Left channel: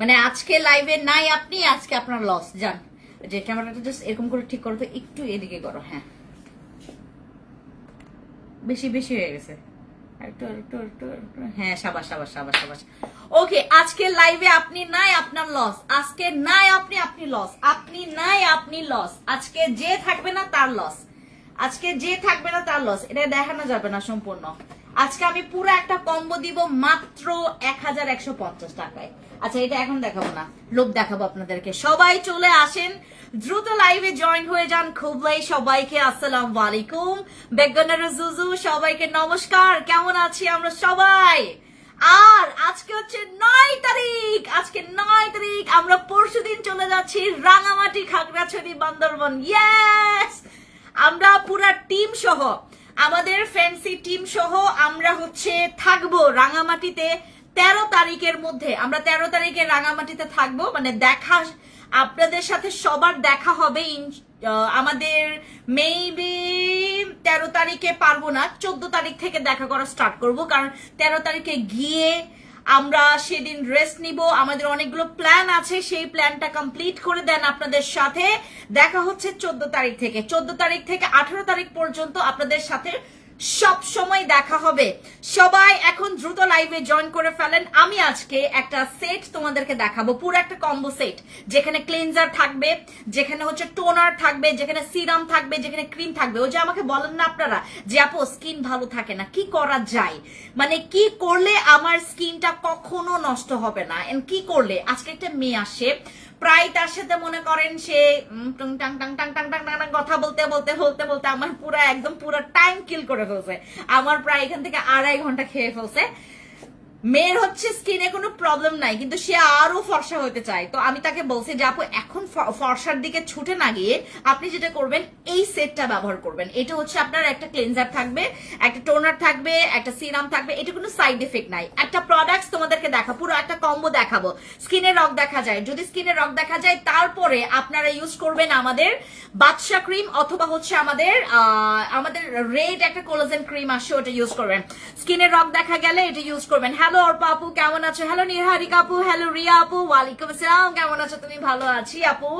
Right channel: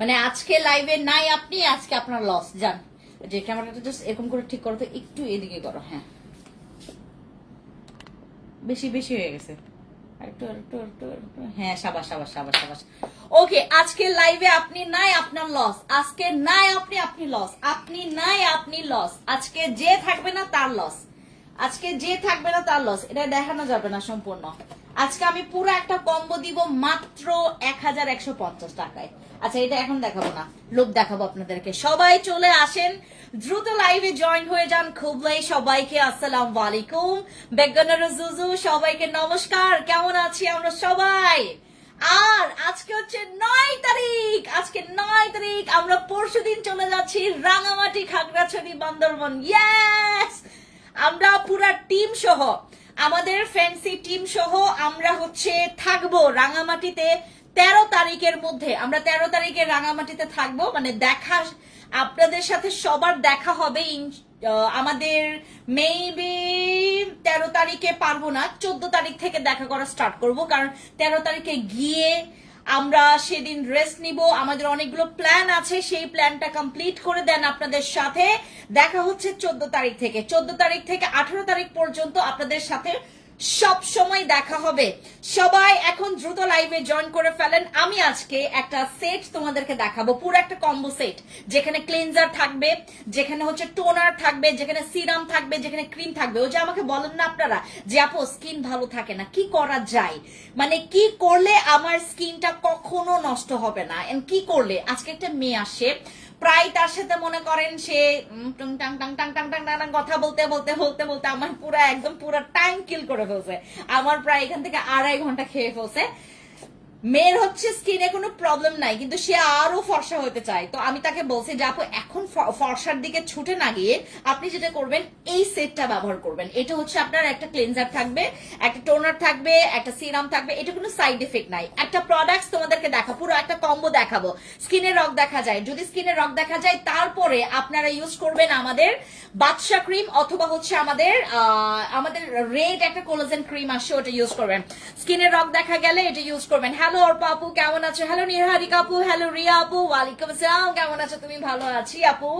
মানে আজকে লাইভে নাই আপনি, আজকে আপনার লস। যান যে ক্যামেরাটা জাস্ট এরকম করে ঠিক করো তো, একটু এদিকে করো। হ্যাঁ বেশি বেশি হয়ে গেছে, হ্যাঁ সাবাস সাবাস সাবাস সাবাস। ওকে, আজকে লাইভে আপনি নাই আপনার লস, আজকে নাই আপনি, আপনি লস, আপনি নাই আপনি লস, আজকে যে থাকবে না তার লস, আজকে যে থাকবে না তার লস। এটা দেখানো যাবে না সম্পূর্ণ। আজকে আমি পুরো একটা কম্বো দিব মাত্র 1150 টাকায়। আচ্ছা এটা এখন দেখাবো না, লোক দেখাবো আপনাদেরকে। সবাই চলে আসেন, দ্রুত লাইভে জয়েন হয়ে যান। খুবই সবাইকে আসসালামু আলাইকুম, বেগনার জুজু, সবাইকে নমস্কার। কেমন আছি আমরা সবাই? আর আজকে হচ্ছে 9 তারিখ, আজকে 9 তারিখ, আমরা পরশুদিন চলে যাচ্ছি রাঙামাটি, খাগড়াছড়ি, বান্দরবন। ইয়েস, আমরা পুরা টিম সহ, আমাদের ফ্যান্সি টিম সহ আমরা হচ্ছে থাকবো রাঙামাটিতে 13 তারিখের মধ্যে। আমরা 13 তারিখে রাঙামাটিতে থাকবো, মানে দেখা আপনাদের সাথে সবার দেখা হবে। আমাদের মেবি 13 তারিখে পারবো না, 14 তারিখ থেকে দেখা করা স্টার্ট করব, কারণ 13 তারিখে গিয়ে আমরা সেদিন রেস্ট নিব। আমাদের অনেকগুলো প্ল্যান আছে, সেই প্ল্যানটা কমপ্লিট করে দেন আপনাদের সাথে দেখা হচ্ছে 14 তারিখ থেকে। 14 তারিখ থেকে 18 তারিখ পর্যন্ত আপনাদের সাথে সব সময় দেখা হবে। সবাই এখন দ্রুত লাইভে জয়েন করে ফেলেন। আমি আজকে একটা সেট তোমাদেরকে দেখাবো, পুরো একটা কম্বো সেট, যেখানে ক্লিনজার থাকবে, যেখানে হচ্ছে টোনার থাকবে, যেখানে সিরাম থাকবে, যেখানে ক্রিম থাকবে। ওই যে আমাকে বলেন না আপনারা যে আপু স্কিন ভালো থাকে না, কি করা যায়, মানে কি করলে আমার স্কিনটা কখনো নষ্ট হবে না, এন্ড কি করলে। আজকে একটা মেয়ে আসে, প্রায় তার সাথে মনে করেন সে টাং টাং টাং টাং টাং টাং টাং কথা বলতে বলতে বলতে বলতে আমার পুরো একদম পুরো টাইম কিল করে ফেলছে। আমার প্রায় এখান থেকে 2.5 ঘন্টা খেয়ে ফেলছে। মেয়ের হচ্ছে স্কিনে কোনো প্রবলেম নাই, কিন্তু সে আরো ফর্সা হতে চায়। তো আমি তাকে বলছি যে আপু এখন ফর্সার দিকে ছুটে না গিয়ে আপনি যেটা করবেন এই সেটটা ব্যবহার করবেন। এটা হচ্ছে আপনার একটা ক্লিনজার থাকবে, একটা টোনার থাকবে, একটা সিরাম থাকবে, এটা কোনো সাইড এফেক্ট নাই। একটা প্রোডাক্টস তোমাদেরকে দেখা, পুরো একটা কম্বো দেখাবো। স্কিনে রক দেখা যায়, যদি স্কিনে রক দেখা যায় তারপরে আপনারা ইউজ করবেন আমাদের বাদশা ক্রিম, অথবা হচ্ছে আমাদের রেড একটা কোলাজেন ক্রিম আসে, ওটা ইউজ করবেন। স্কিনে রক দেখা গেলে এটা ইউজ করবেন। হ্যালো অর্পা আপু, কেমন আছো? হ্যালো নিহারিকা আপু, হ্যালো রিয়া আপু, ওয়ালাইকুম আসসালাম, কেমন আছো তুমি? ভালো আছি আপু,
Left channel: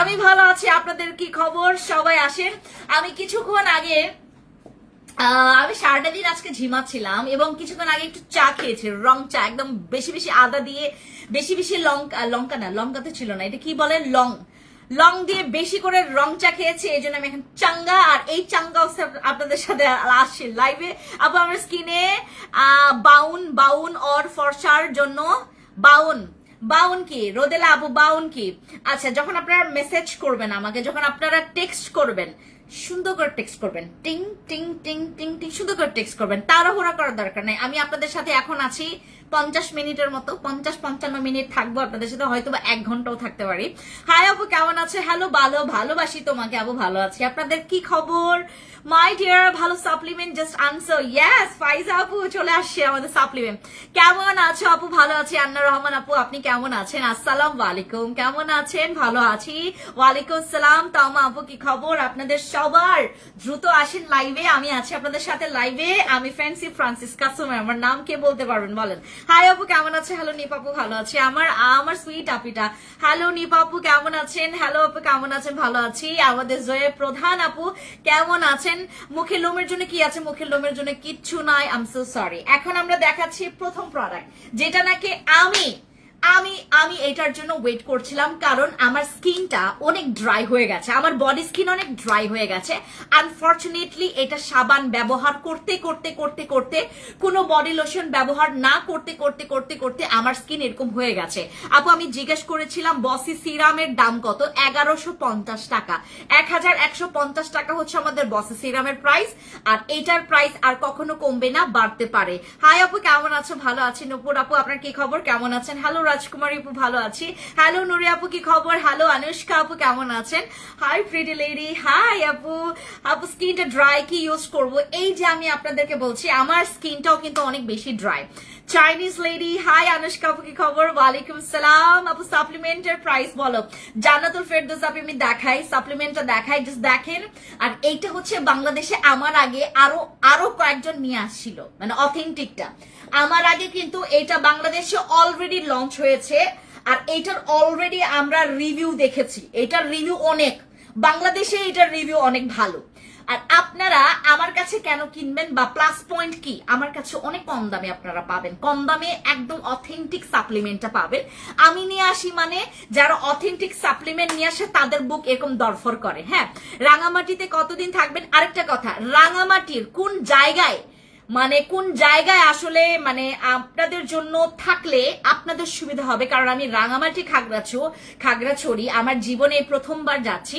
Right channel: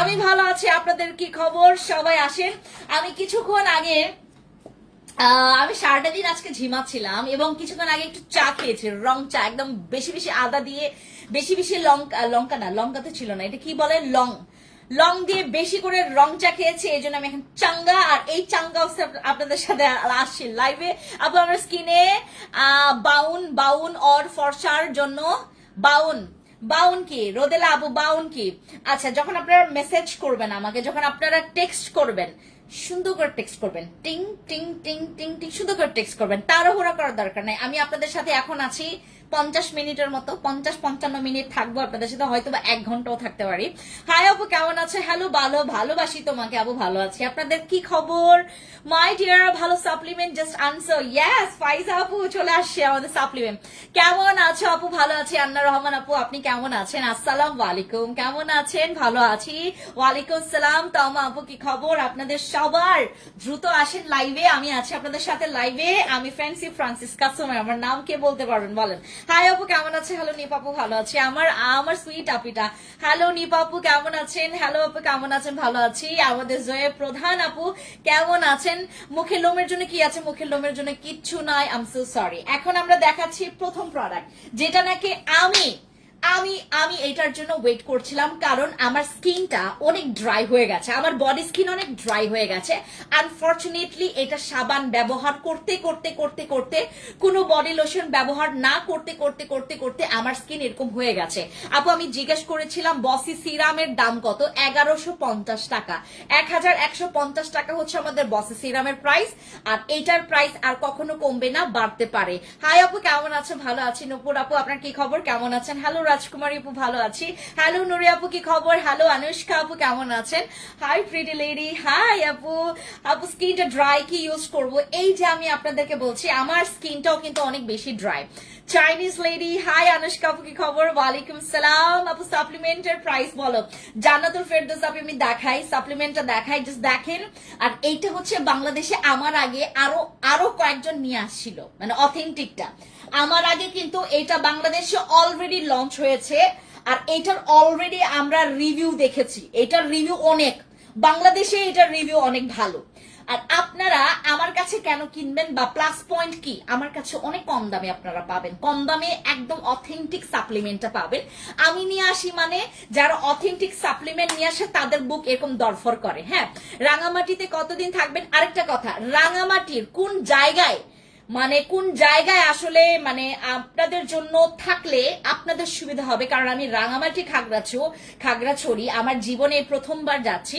আমি ভালো আছি। আপনাদের কি খবর? সবাই আসেন। আমি কিছুক্ষণ আগে আমি সারাটা দিন আজকে ঝিমাচ্ছিলাম এবং কিছুক্ষণ আগে একটু চা খেয়েছি, রং চা, একদম বেশি বেশি আদা দিয়ে, বেশি বেশি লঙ্কা না, লঙ্কা তো ছিল না, এটা কি বলে, লং দিয়ে বেশি করে রং চা খেয়েছি, এই জন্য আমি এখন চাঙ্গা। আর এই চাঙ্গা আপনাদের সাথে আসছি লাইভে। আবার আমার স্কিনে বাউন অর ফর্সার জন্য বাউন কি রোদেলা আপু, বাউন কি? আচ্ছা, যখন আপনারা মেসেজ করবেন আমাকে, যখন আপনারা টেক্সট করবেন, সুন্দর করে টেক্সট করবেন, টিং টিং টিং টিং টিং, সুন্দর করে টেক্সট করবেন, তাড়াহুড়া করার দরকার নাই। আমি আপনাদের সাথে এখন আছি 50 মিনিটের মতো, 50-55 মিনিট থাকবো আপনাদের সাথে, হয়তো বা 1 ঘন্টাও থাকতে পারি। হাই আপু, কেমন আছে? হ্যালো, ভালোবাসি তোমাকে আপু, ভালো আছি। আপনাদের কি খবর মাই ডিয়ার? ভালো। সাপ্লিমেন্ট জাস্ট আনসার, ইয়েস ফাইজা আপু চলে আসছে আমাদের সাপ্লিমেন্ট। কেমন আছো আপু? ভালো আছি। আন্না রহমান আপু, আপনি কেমন আছেন? আসসালামু আলাইকুম, কেমন আছেন? ভালো আছি, ওয়ালাইকুম আসসালাম। তামা আপু কি খবর আপনাদের সবার? দ্রুত আসেন লাইভে, আমি আছি আপনাদের সাথে লাইভে। আমি ফ্যান্সি ফ্রান্সিসকা সোমা, আমার নাম কে বলতে পারবেন বলেন? হাই আপু, কেমন আছে? হ্যালো নিপাপু, ভালো আছি। আমার সুইট আপিটা, হ্যালো নিপাপু, কেমন আছেন? হ্যালো আপু, কেমন আছেন? ভালো আছি। আমাদের জয়ে প্রধান আপু, কেমন আছেন? মুখের লোমের জন্য কি আছে? মুখের লোমের জন্য কিচ্ছু নাই, আই এম সো সরি। এখন আমরা দেখাচ্ছি প্রথম প্রোডাক্ট, যেটা নাকি আমি এটার জন্য ওয়েট করছিলাম, কারণ আমার স্কিনটা অনেক ড্রাই হয়ে গেছে, আমার বডি স্কিন অনেক ড্রাই হয়ে গেছে। আনফরচুনেটলি এটা সাবান ব্যবহার করতে করতে করতে করতে, কোনো বডি লোশন ব্যবহার না করতে করতে করতে করতে আমার স্কিন এরকম হয়ে গেছে। আপু আমি জিজ্ঞেস করেছিলাম বসি সিরামের দাম কত? 1150 টাকা, 1150 টাকা হচ্ছে আমাদের বসি সিরামের প্রাইস। আর এটার প্রাইস আর কখনো কমবে না, বাড়তে পারে। হাই আপু, কেমন আছো? ভালো আছি। নূপুর আপু, আপনার কি খবর? কেমন আছেন? হ্যালো রাজকুমারী আপু, ভালো আছি। হ্যালো নুরি আপু, কি খবর? হ্যালো অনুষ্কা আপু, কেমন আছেন? হাই প্রিটি লেডি, হাই আপু। আপু স্কিনটা ড্রাই, কি ইউজ করবো? এই যে আমি আপনাদেরকে বলছি, আমার স্কিনটাও কিন্তু অনেক বেশি dry. Chinese lady, hi Anushka আপু, কি খবর? ওয়ালাইকুম সালাম আপু। সাপ্লিমেন্টের প্রাইস বলো। জান্নাতুল ফেরদৌস আপু, আমি দেখাই, সাপ্লিমেন্টটা দেখাই, জাস্ট দেখেন। আর এইটা হচ্ছে বাংলাদেশে আমার আগে আরো কয়েকজন নিয়ে আসছিল, মানে অথেন্টিকটা। আমার আগে কিন্তু এটা বাংলাদেশে অলরেডি লঞ্চ হয়েছে। আর এটার অলরেডি আমরা রিভিউ দেখেছি, এটার রিভিউ অনেক, বাংলাদেশে এটার রিভিউ অনেক ভালো। আর আপনারা আমার কাছে কেন কিনবেন বা প্লাস পয়েন্ট কি, আমার কাছে অনেক কম দামে আপনারা পাবেন, কম দামে একদম অথেন্টিক সাপ্লিমেন্টটা পাবেন। আমি নিয়ে আসি মানে যারা অথেন্টিক সাপ্লিমেন্ট নিয়ে আসে তাদের বুক এরকম দরফর করে। হ্যাঁ, রাঙামাটিতে কতদিন থাকবেন? আরেকটা কথা, রাঙামাটির কোন জায়গায় কোন জায়গায় আসলে আপনাদের জন্য থাকলে আপনাদের সুবিধা হবে, কারণ আমি রাঙামাটি খাগড়াছড়ি আমার জীবনে প্রথমবার যাচ্ছি।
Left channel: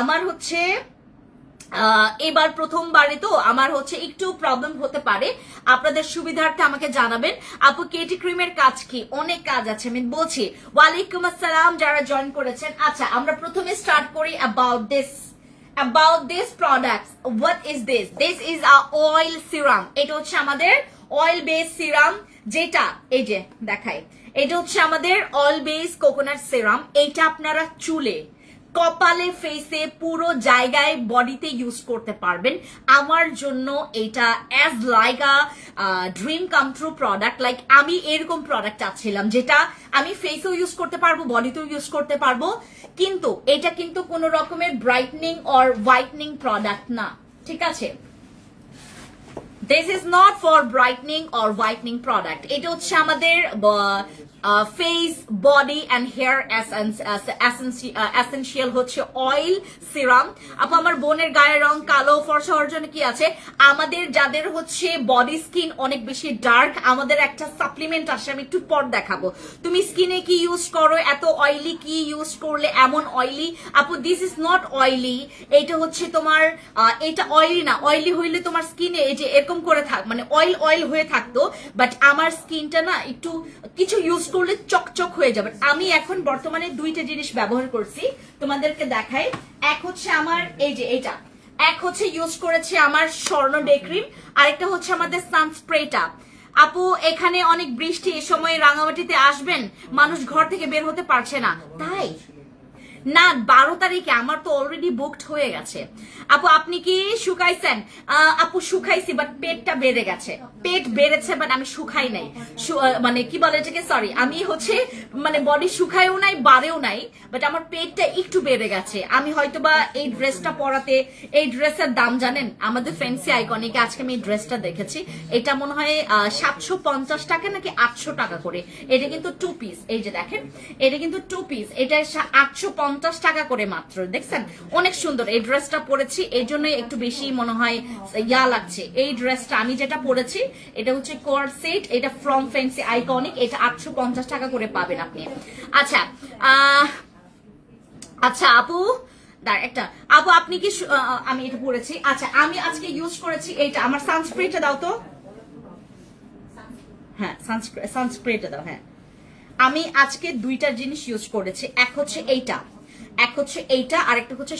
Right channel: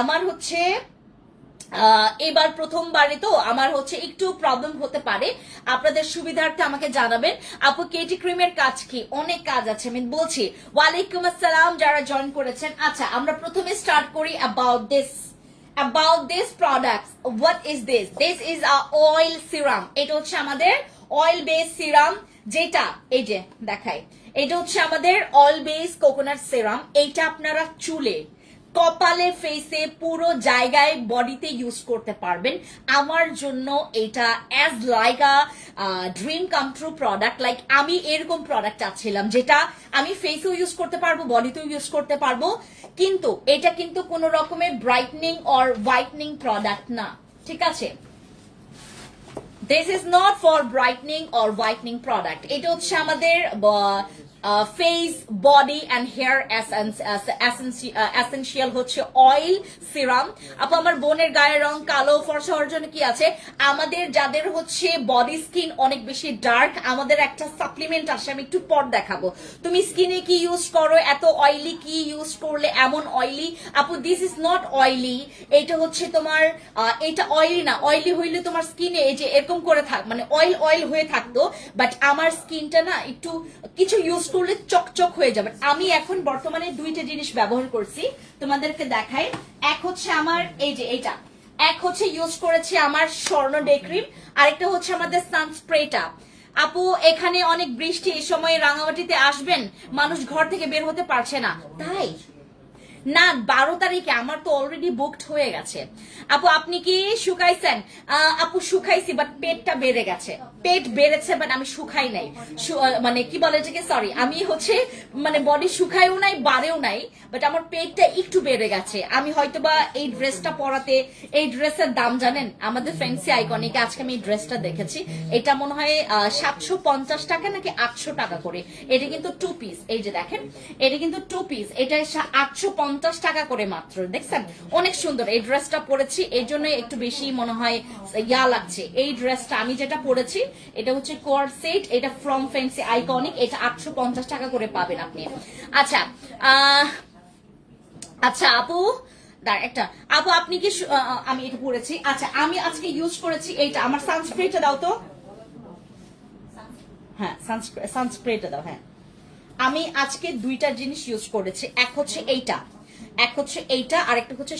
আমার হচ্ছে এবার প্রথমবারে তো আমার হচ্ছে একটু প্রবলেম হতে পারে, আপনাদের সুবিধার্থে আমাকে জানাবেন। আপু কেটি ক্রিমের কাজ কি? অনেক কাজ আছে, আমি বলছি। ওয়ালাইকুম আসসালাম যারা জয়েন করেছেন। আচ্ছা, আমরা প্রথমে স্টার্ট করি about this product. What is this? This is a oil serum. এটা হচ্ছে আমাদের oil based serum, যেটা এই যে দেখাই, এটা হচ্ছে আমাদের oil based coconut serum। এটা আপনারা চুলে, কপালে, ফেসে, পুরো জায়গায়, বডিতে ইউজ করতে পারবেন। আমার জন্য এটা as like a dream come true product. Like আমি এরকম প্রোডাক্ট চাচ্ছিলাম যেটা আমি ফেসেও ইউজ করতে পারবো, বডিতেও ইউজ করতে পারবো, কিন্তু এটা কিন্তু কোন রকমের ব্রাইটনিং অর হোয়াইটনিং প্রোডাক্ট না, ঠিক আছে? This is not for brightening or whitening product. এটা হচ্ছে আমাদের face, body and hair essential হচ্ছে অয়েল সিরাম। আপু আমার বোনের গায়ের রং কালো, ফর্সা হওয়ার জন্য কি আছে? আমাদের যাদের হচ্ছে বডি স্কিন অনেক বেশি ডার্ক, আমাদের একটা সাপ্লিমেন্ট আসে, আমি একটু পর দেখাবো। তুমি স্কিনে কি ইউজ করো, এত অয়েলি কি ইউজ করলে এমন অয়েলি? আপু দিস ইজ নট অয়েলি, এটা হচ্ছে তোমার এটা অয়েলি না। অয়েলি হইলে তোমার স্কিনে এই যে এরকম করে থাক, অয়েল হয়ে থাকতো, বাট আমার স্কিনটা না একটু কিছু ইউজ করলে চকচক হয়ে যাবে। আমি এখন বর্তমানে দুইটা জিনিস ব্যবহার করছি, তোমাদেরকে দেখাই। এক হচ্ছে আমার এই যে এটা, এক হচ্ছে ইউজ করেছি আমার স্বর্ণ ডে ক্রিম, আরেকটা হচ্ছে আমাদের সানস্প্রেটা। আপু এখানে অনেক বৃষ্টি, এই সময় রাঙামাটিতে আসবেন, মানুষ ঘর থেকে বের হতে পারছে না, তাই না? 12 তারিখে আমার তো অলরেডি বুকড হয়ে গেছে। আপু আপনি কি শুকাইছেন? আপু শুকাইছি, বাট পেটটা বেড়ে গেছে। পেট বেড়েছে, বাট আমি শুকাই নাই, কি বলে এটাকে, সরি, আমি হচ্ছে বডি শুকাইও নাই, বাড়েও নাই, বাট আমার পেটটা একটু বেড়ে গেছে। আমি হয়তোবা এই ড্রেসটা পরাতে, এই ড্রেসের দাম জানেন আমাদের ফ্যান্সি আইকনিকে, আজকে আমি এই ড্রেসটা দেখেছি, এটা মনে হয় 750 টাকা নাকি 800 টাকা করে। এটা কিন্তু 2 পিস, এই যে দেখেন, এটা কিন্তু 2 পিস, এটা 850 টাকা করে মাত্র। দেখছেন অনেক সুন্দর এই ড্রেসটা পরেছি, এই জন্য একটু বেশি মনে হয় ইয়া লাগছে। এই ড্রেসটা আমি যেটা পরেছি এটা হচ্ছে কোয়ার্ড সেট, এটা ফ্রম ফ্যান্সি আইকনিক, এটা 850 টাকা করে পাবেন আপনি। আচ্ছা আচ্ছা আপু একটা, আপু আপনি কি, আমি এটা পরেছি। আচ্ছা আমি আজকে ইউজ করেছি এইটা, আমার সানস্প্রেটা দাও তো। হ্যাঁ সানস্প্রেটা দাও। হ্যাঁ আমি আজকে দুইটা জিনিস ইউজ করেছি, এক হচ্ছে এইটা, আর একটা হচ্ছে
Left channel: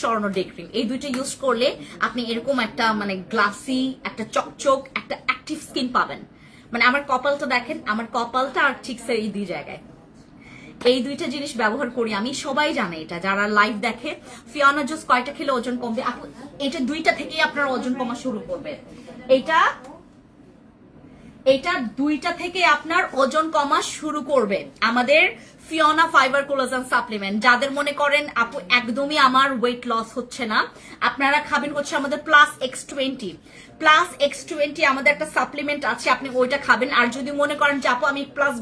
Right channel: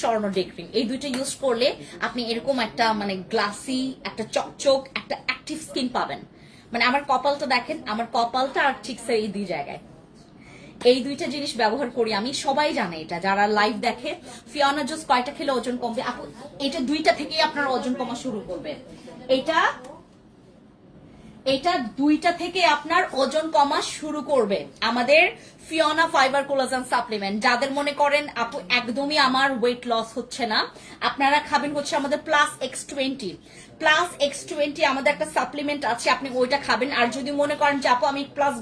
স্বর্ণ ডে ক্রিম। এই দুইটা ইউজ করলে আপনি এরকম একটা গ্লাসি, একটা চকচক, একটা অ্যাক্টিভ স্কিন পাবেন। আমার কপালটা দেখেন, আমার কপালটা আর ঠিক এই দুই জায়গায়, এই দুইটা জিনিস ব্যবহার করি আমি, সবাই জানে এটা, যারা লাইভ দেখে। ফিওনা জুস কয়টা খেলে ওজন কমবে? এটা দুইটা থেকেই আপনার ওজন কমা শুরু করবে, এটা দুইটা থেকে আপনার ওজন কমা শুরু করবে। আমাদের ফিওনা ফাইবার কোলাজেন সাপ্লিমেন্ট, যাদের মনে করেন আপু একদমই আমার ওয়েট লস হচ্ছে না, আপনারা খাবেন হচ্ছে আমাদের +X20 আমাদের একটা সাপ্লিমেন্ট আছে, আপনি ওইটা খাবেন। আর যদি মনে করেন যে আপু আমি প্লাস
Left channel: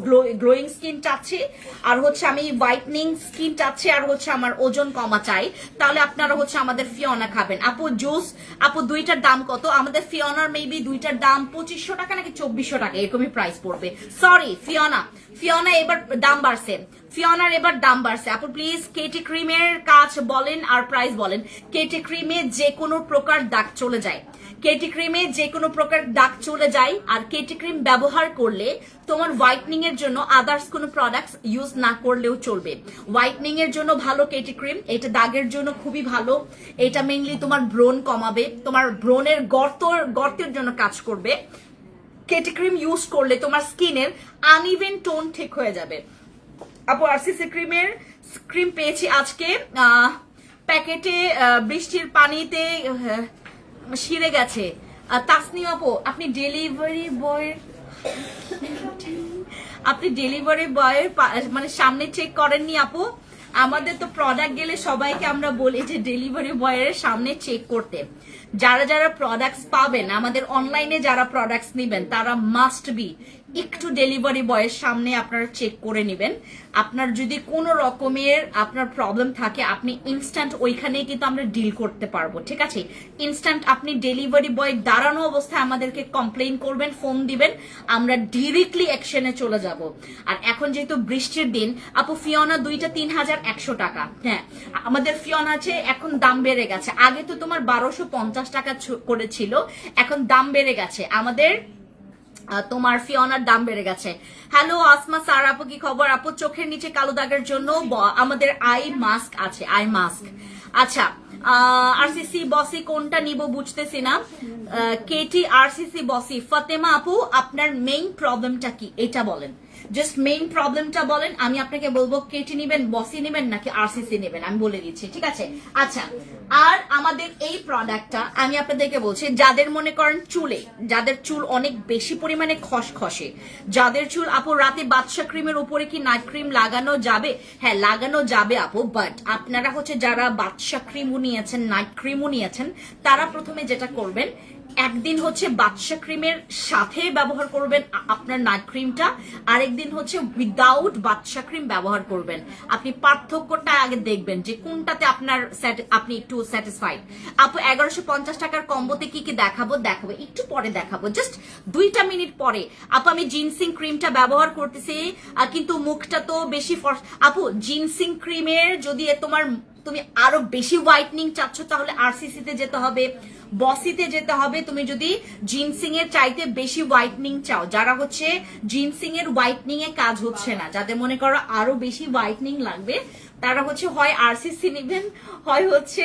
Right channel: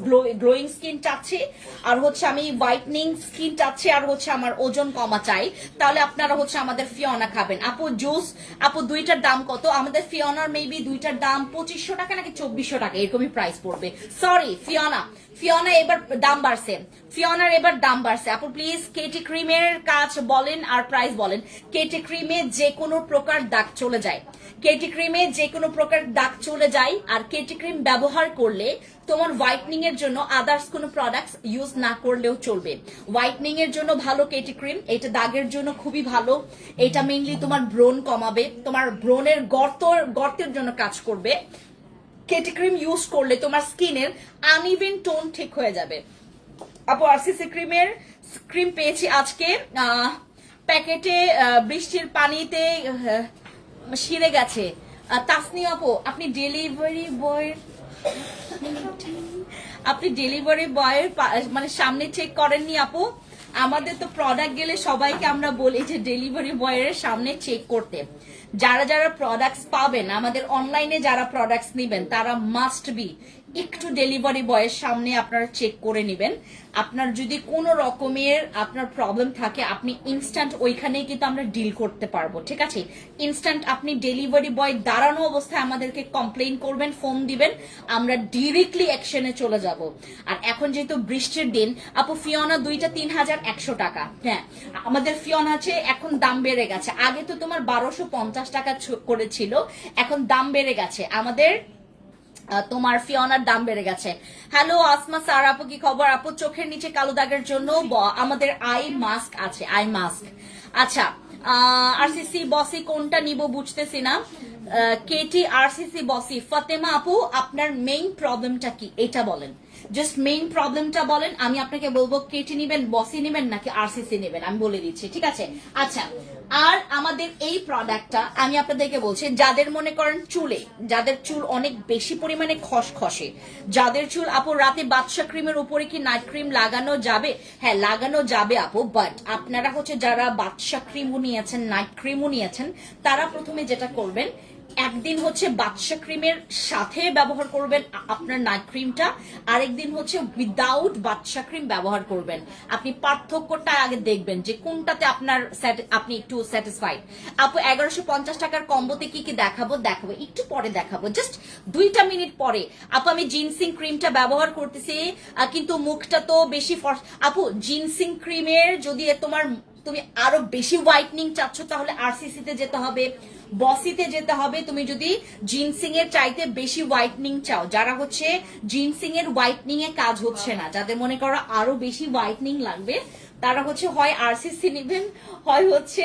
গ্লোয়িং স্কিন চাচ্ছি, আর হচ্ছে আমি হোয়াইটনিং স্কিন চাচ্ছি, আর হচ্ছে আমার ওজন কমা চাই, তাহলে আপনারা হচ্ছে আমাদের ফিওনা খাবেন। আপু জুস, আপু দুইটার দাম কত? আমাদের ফিওনার মেবি দুইটার দাম 2500 টাকা নাকি 2400 টাকা এরকমই প্রাইস পড়বে। সরি ফিওনা এবার দাম বাড়ছে, ফিওনার এবার দাম বাড়ছে। আপু প্লিজ কেটি ক্রিমের কাজ বলেন আর প্রাইস বলেন। কেটি ক্রিমে যে কোনো প্রকার দাগ চলে যায়, কেটি ক্রিমে যে কোনো প্রকার দাগ চলে যায়। আর কেটি ক্রিম ব্যবহার করলে তোমার হোয়াইটনিং এর জন্য আদার্স কোনো প্রোডাক্টস ইউজ না করলেও চলবে। হোয়াইটনিং এর জন্য ভালো কেটি ক্রিম, এটা দাগের জন্য খুবই ভালো। এটা মেইনলি তোমার ব্রণ কমাবে, তোমার ব্রণের গর্তের জন্য কাজ করবে। কেটি ক্রিম ইউজ করলে তোমার স্কিনের আনইভেন টোন ঠিক হয়ে যাবে। আপু আরসিসি ক্রিমের ক্রিম পেয়েছি আজকে প্যাকেটে, বৃষ্টির পানিতে ছিঁড়ে গেছে। তাসনি আপু আপনি ডেলিভারি বয় আপনি ডেলিভারি বয়ের মানে সামনে চেক করেননি আপু? আমাদের তো প্রোডাক্ট গেলে সবাইকে আমরা বলি যে ডেলিভারি বয়ের সামনে চেক করতে। যারা যারা প্রোডাক্টস পাবেন, আমাদের অনলাইনে যারা প্রোডাক্টস নেবেন, তারা মাস্ট বি একটু ডেলিভারি বয়ের সামনে আপনারা চেক করে নেবেন। আপনার যদি কোনো রকমের আপনার প্রবলেম থাকে, আপনি ইনস্ট্যান্ট ওইখানে কিন্তু আমরা ডিল করতে পারবো, ঠিক আছে? ইনস্ট্যান্ট আপনি ডেলিভারি বয় দাঁড়ানো অবস্থায় আমাদেরকে কমপ্লেইন করবেন, ফোন দিবেন, আমরা ডিরেক্টলি অ্যাকশনে চলে যাব। আর এখন যেহেতু বৃষ্টির দিন আপু, ফিওনা দুইটা 3100 টাকা। হ্যাঁ, আমাদের ফিওনা আছে, এখন দাম বেড়ে গেছে। আগে তো তোমার 1250 টাকা করেছিল, এখন দাম বেড়ে গেছে আমাদের, তোমার ফিওনার দাম বেড়ে গেছে। হ্যালো আসমা স্যার, আপু কি খবর? আপু চোখের নিচে কালো দাগের জন্য আমাদের আই মাস্ক আছে, আই মাস্ক। আচ্ছা, আরসিসি বসি কোনটা নিব বুঝতেছি না। কেটি আরসিসি বসি। ফাতেমা আপু, আপনার মেইন প্রবলেমটা কি এটা বলেন, জাস্ট মেইন প্রবলেমটা বলেন, আমি আপনাকে বলবো কেটি নিবেন, বসি নিবেন নাকি আরসিসি নিবেন, আমি বলে দিচ্ছি, ঠিক আছে? আচ্ছা, আর আমাদের এই প্রোডাক্টটা আমি আপনাদেরকে বলছি, যাদের মনে করেন চুলে, যাদের চুল অনেক বেশি পরিমাণে খসখসে, যাদের চুল আপু রাতে বাদশা ক্রিমের উপরে কি নাইট ক্রিম লাগানো যাবে? হ্যাঁ লাগানো যাবে আপু, বাট আপনারা হচ্ছে যারা বাদশা ক্রিমও নিয়েছেন, নাইট ক্রিমও নিয়েছেন, তারা প্রথমে যেটা করবেন, একদিন হচ্ছে বাদশা ক্রিমের সাথে ব্যবহার করবেন আপনার নাইট ক্রিমটা, আরেকদিন হচ্ছে উইদাউট বাদশা ক্রিম ব্যবহার করবেন। আপনি পার্থক্যটা আগে দেখবেন যে কোনটাতে আপনার আপনি একটু স্যাটিসফাইড। আপু 1150 টাকার কম্বোতে কি কি দেখাবো একটু পরে দেখাবো, জাস্ট 2 মিনিট পরে। আপু আমি জিনসিং ক্রিমটা ব্যবহার করতেছি, কিন্তু মুখটা তো বেশি আপু জিনসিং ক্রিমের যদি তুমি আরো বেশি হোয়াইটনিং চাচ্ছ তাহলে আরসিসি তে যেতে হবে, বসিতে যেতে হবে। তুমি যদি জিনসিং এর চাইতে বেশি হোয়াইটনিং চাও, যারা হচ্ছে জিনসিং এর হোয়াইটনিং এ কাজ হচ্ছে না, যাদের মনে করো আরো বেশি হোয়াইটনিং লাগবে, তারা হচ্ছে হয় আরসিসি নেবেন, হয় হচ্ছে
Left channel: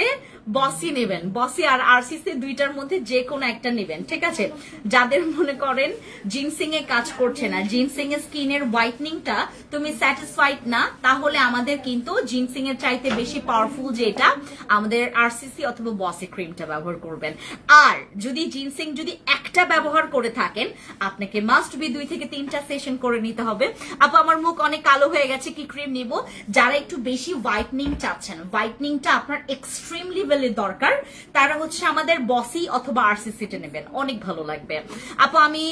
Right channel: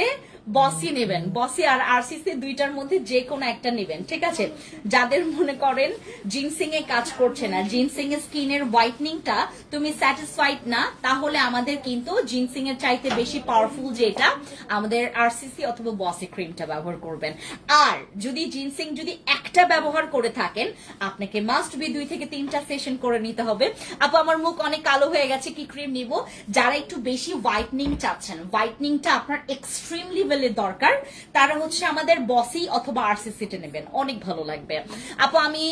বসি নেবেন। বসি আর আরসিসি দুইটার মধ্যে যে কোনো একটা নেবেন, ঠিক আছে? যাদের মনে করেন জিনসিং এ কাজ করছে না, জিনসিং এর স্কিনের হোয়াইটনিংটা তুমি স্যাটিসফাইড না, তাহলে আমাদের কিন্তু জিনসিং এর চাইতে বেশি পাওয়ারফুল যেটা আমাদের আরসিসি অথবা বসি ক্রিমটা ব্যবহার করবেন। আর যদি জিনসিং যদি একটা ব্যবহার করে থাকেন, আপনাকে মাস্ট বি 2 থেকে 3টা সেশন করে নিতে হবে। আপু আমার মুখ অনেক কালো হয়ে গেছে, কি ক্রিম নিব? যারা একটু বেশি হোয়াইটনিং চাচ্ছেন, হোয়াইটনিংটা আপনার এক্সট্রিম লেভেলের দরকার, তারা হচ্ছে আমাদের বসি অথবা আরসিসিটা নেবেন, অনেক ভালো লাগবে। আপু আমি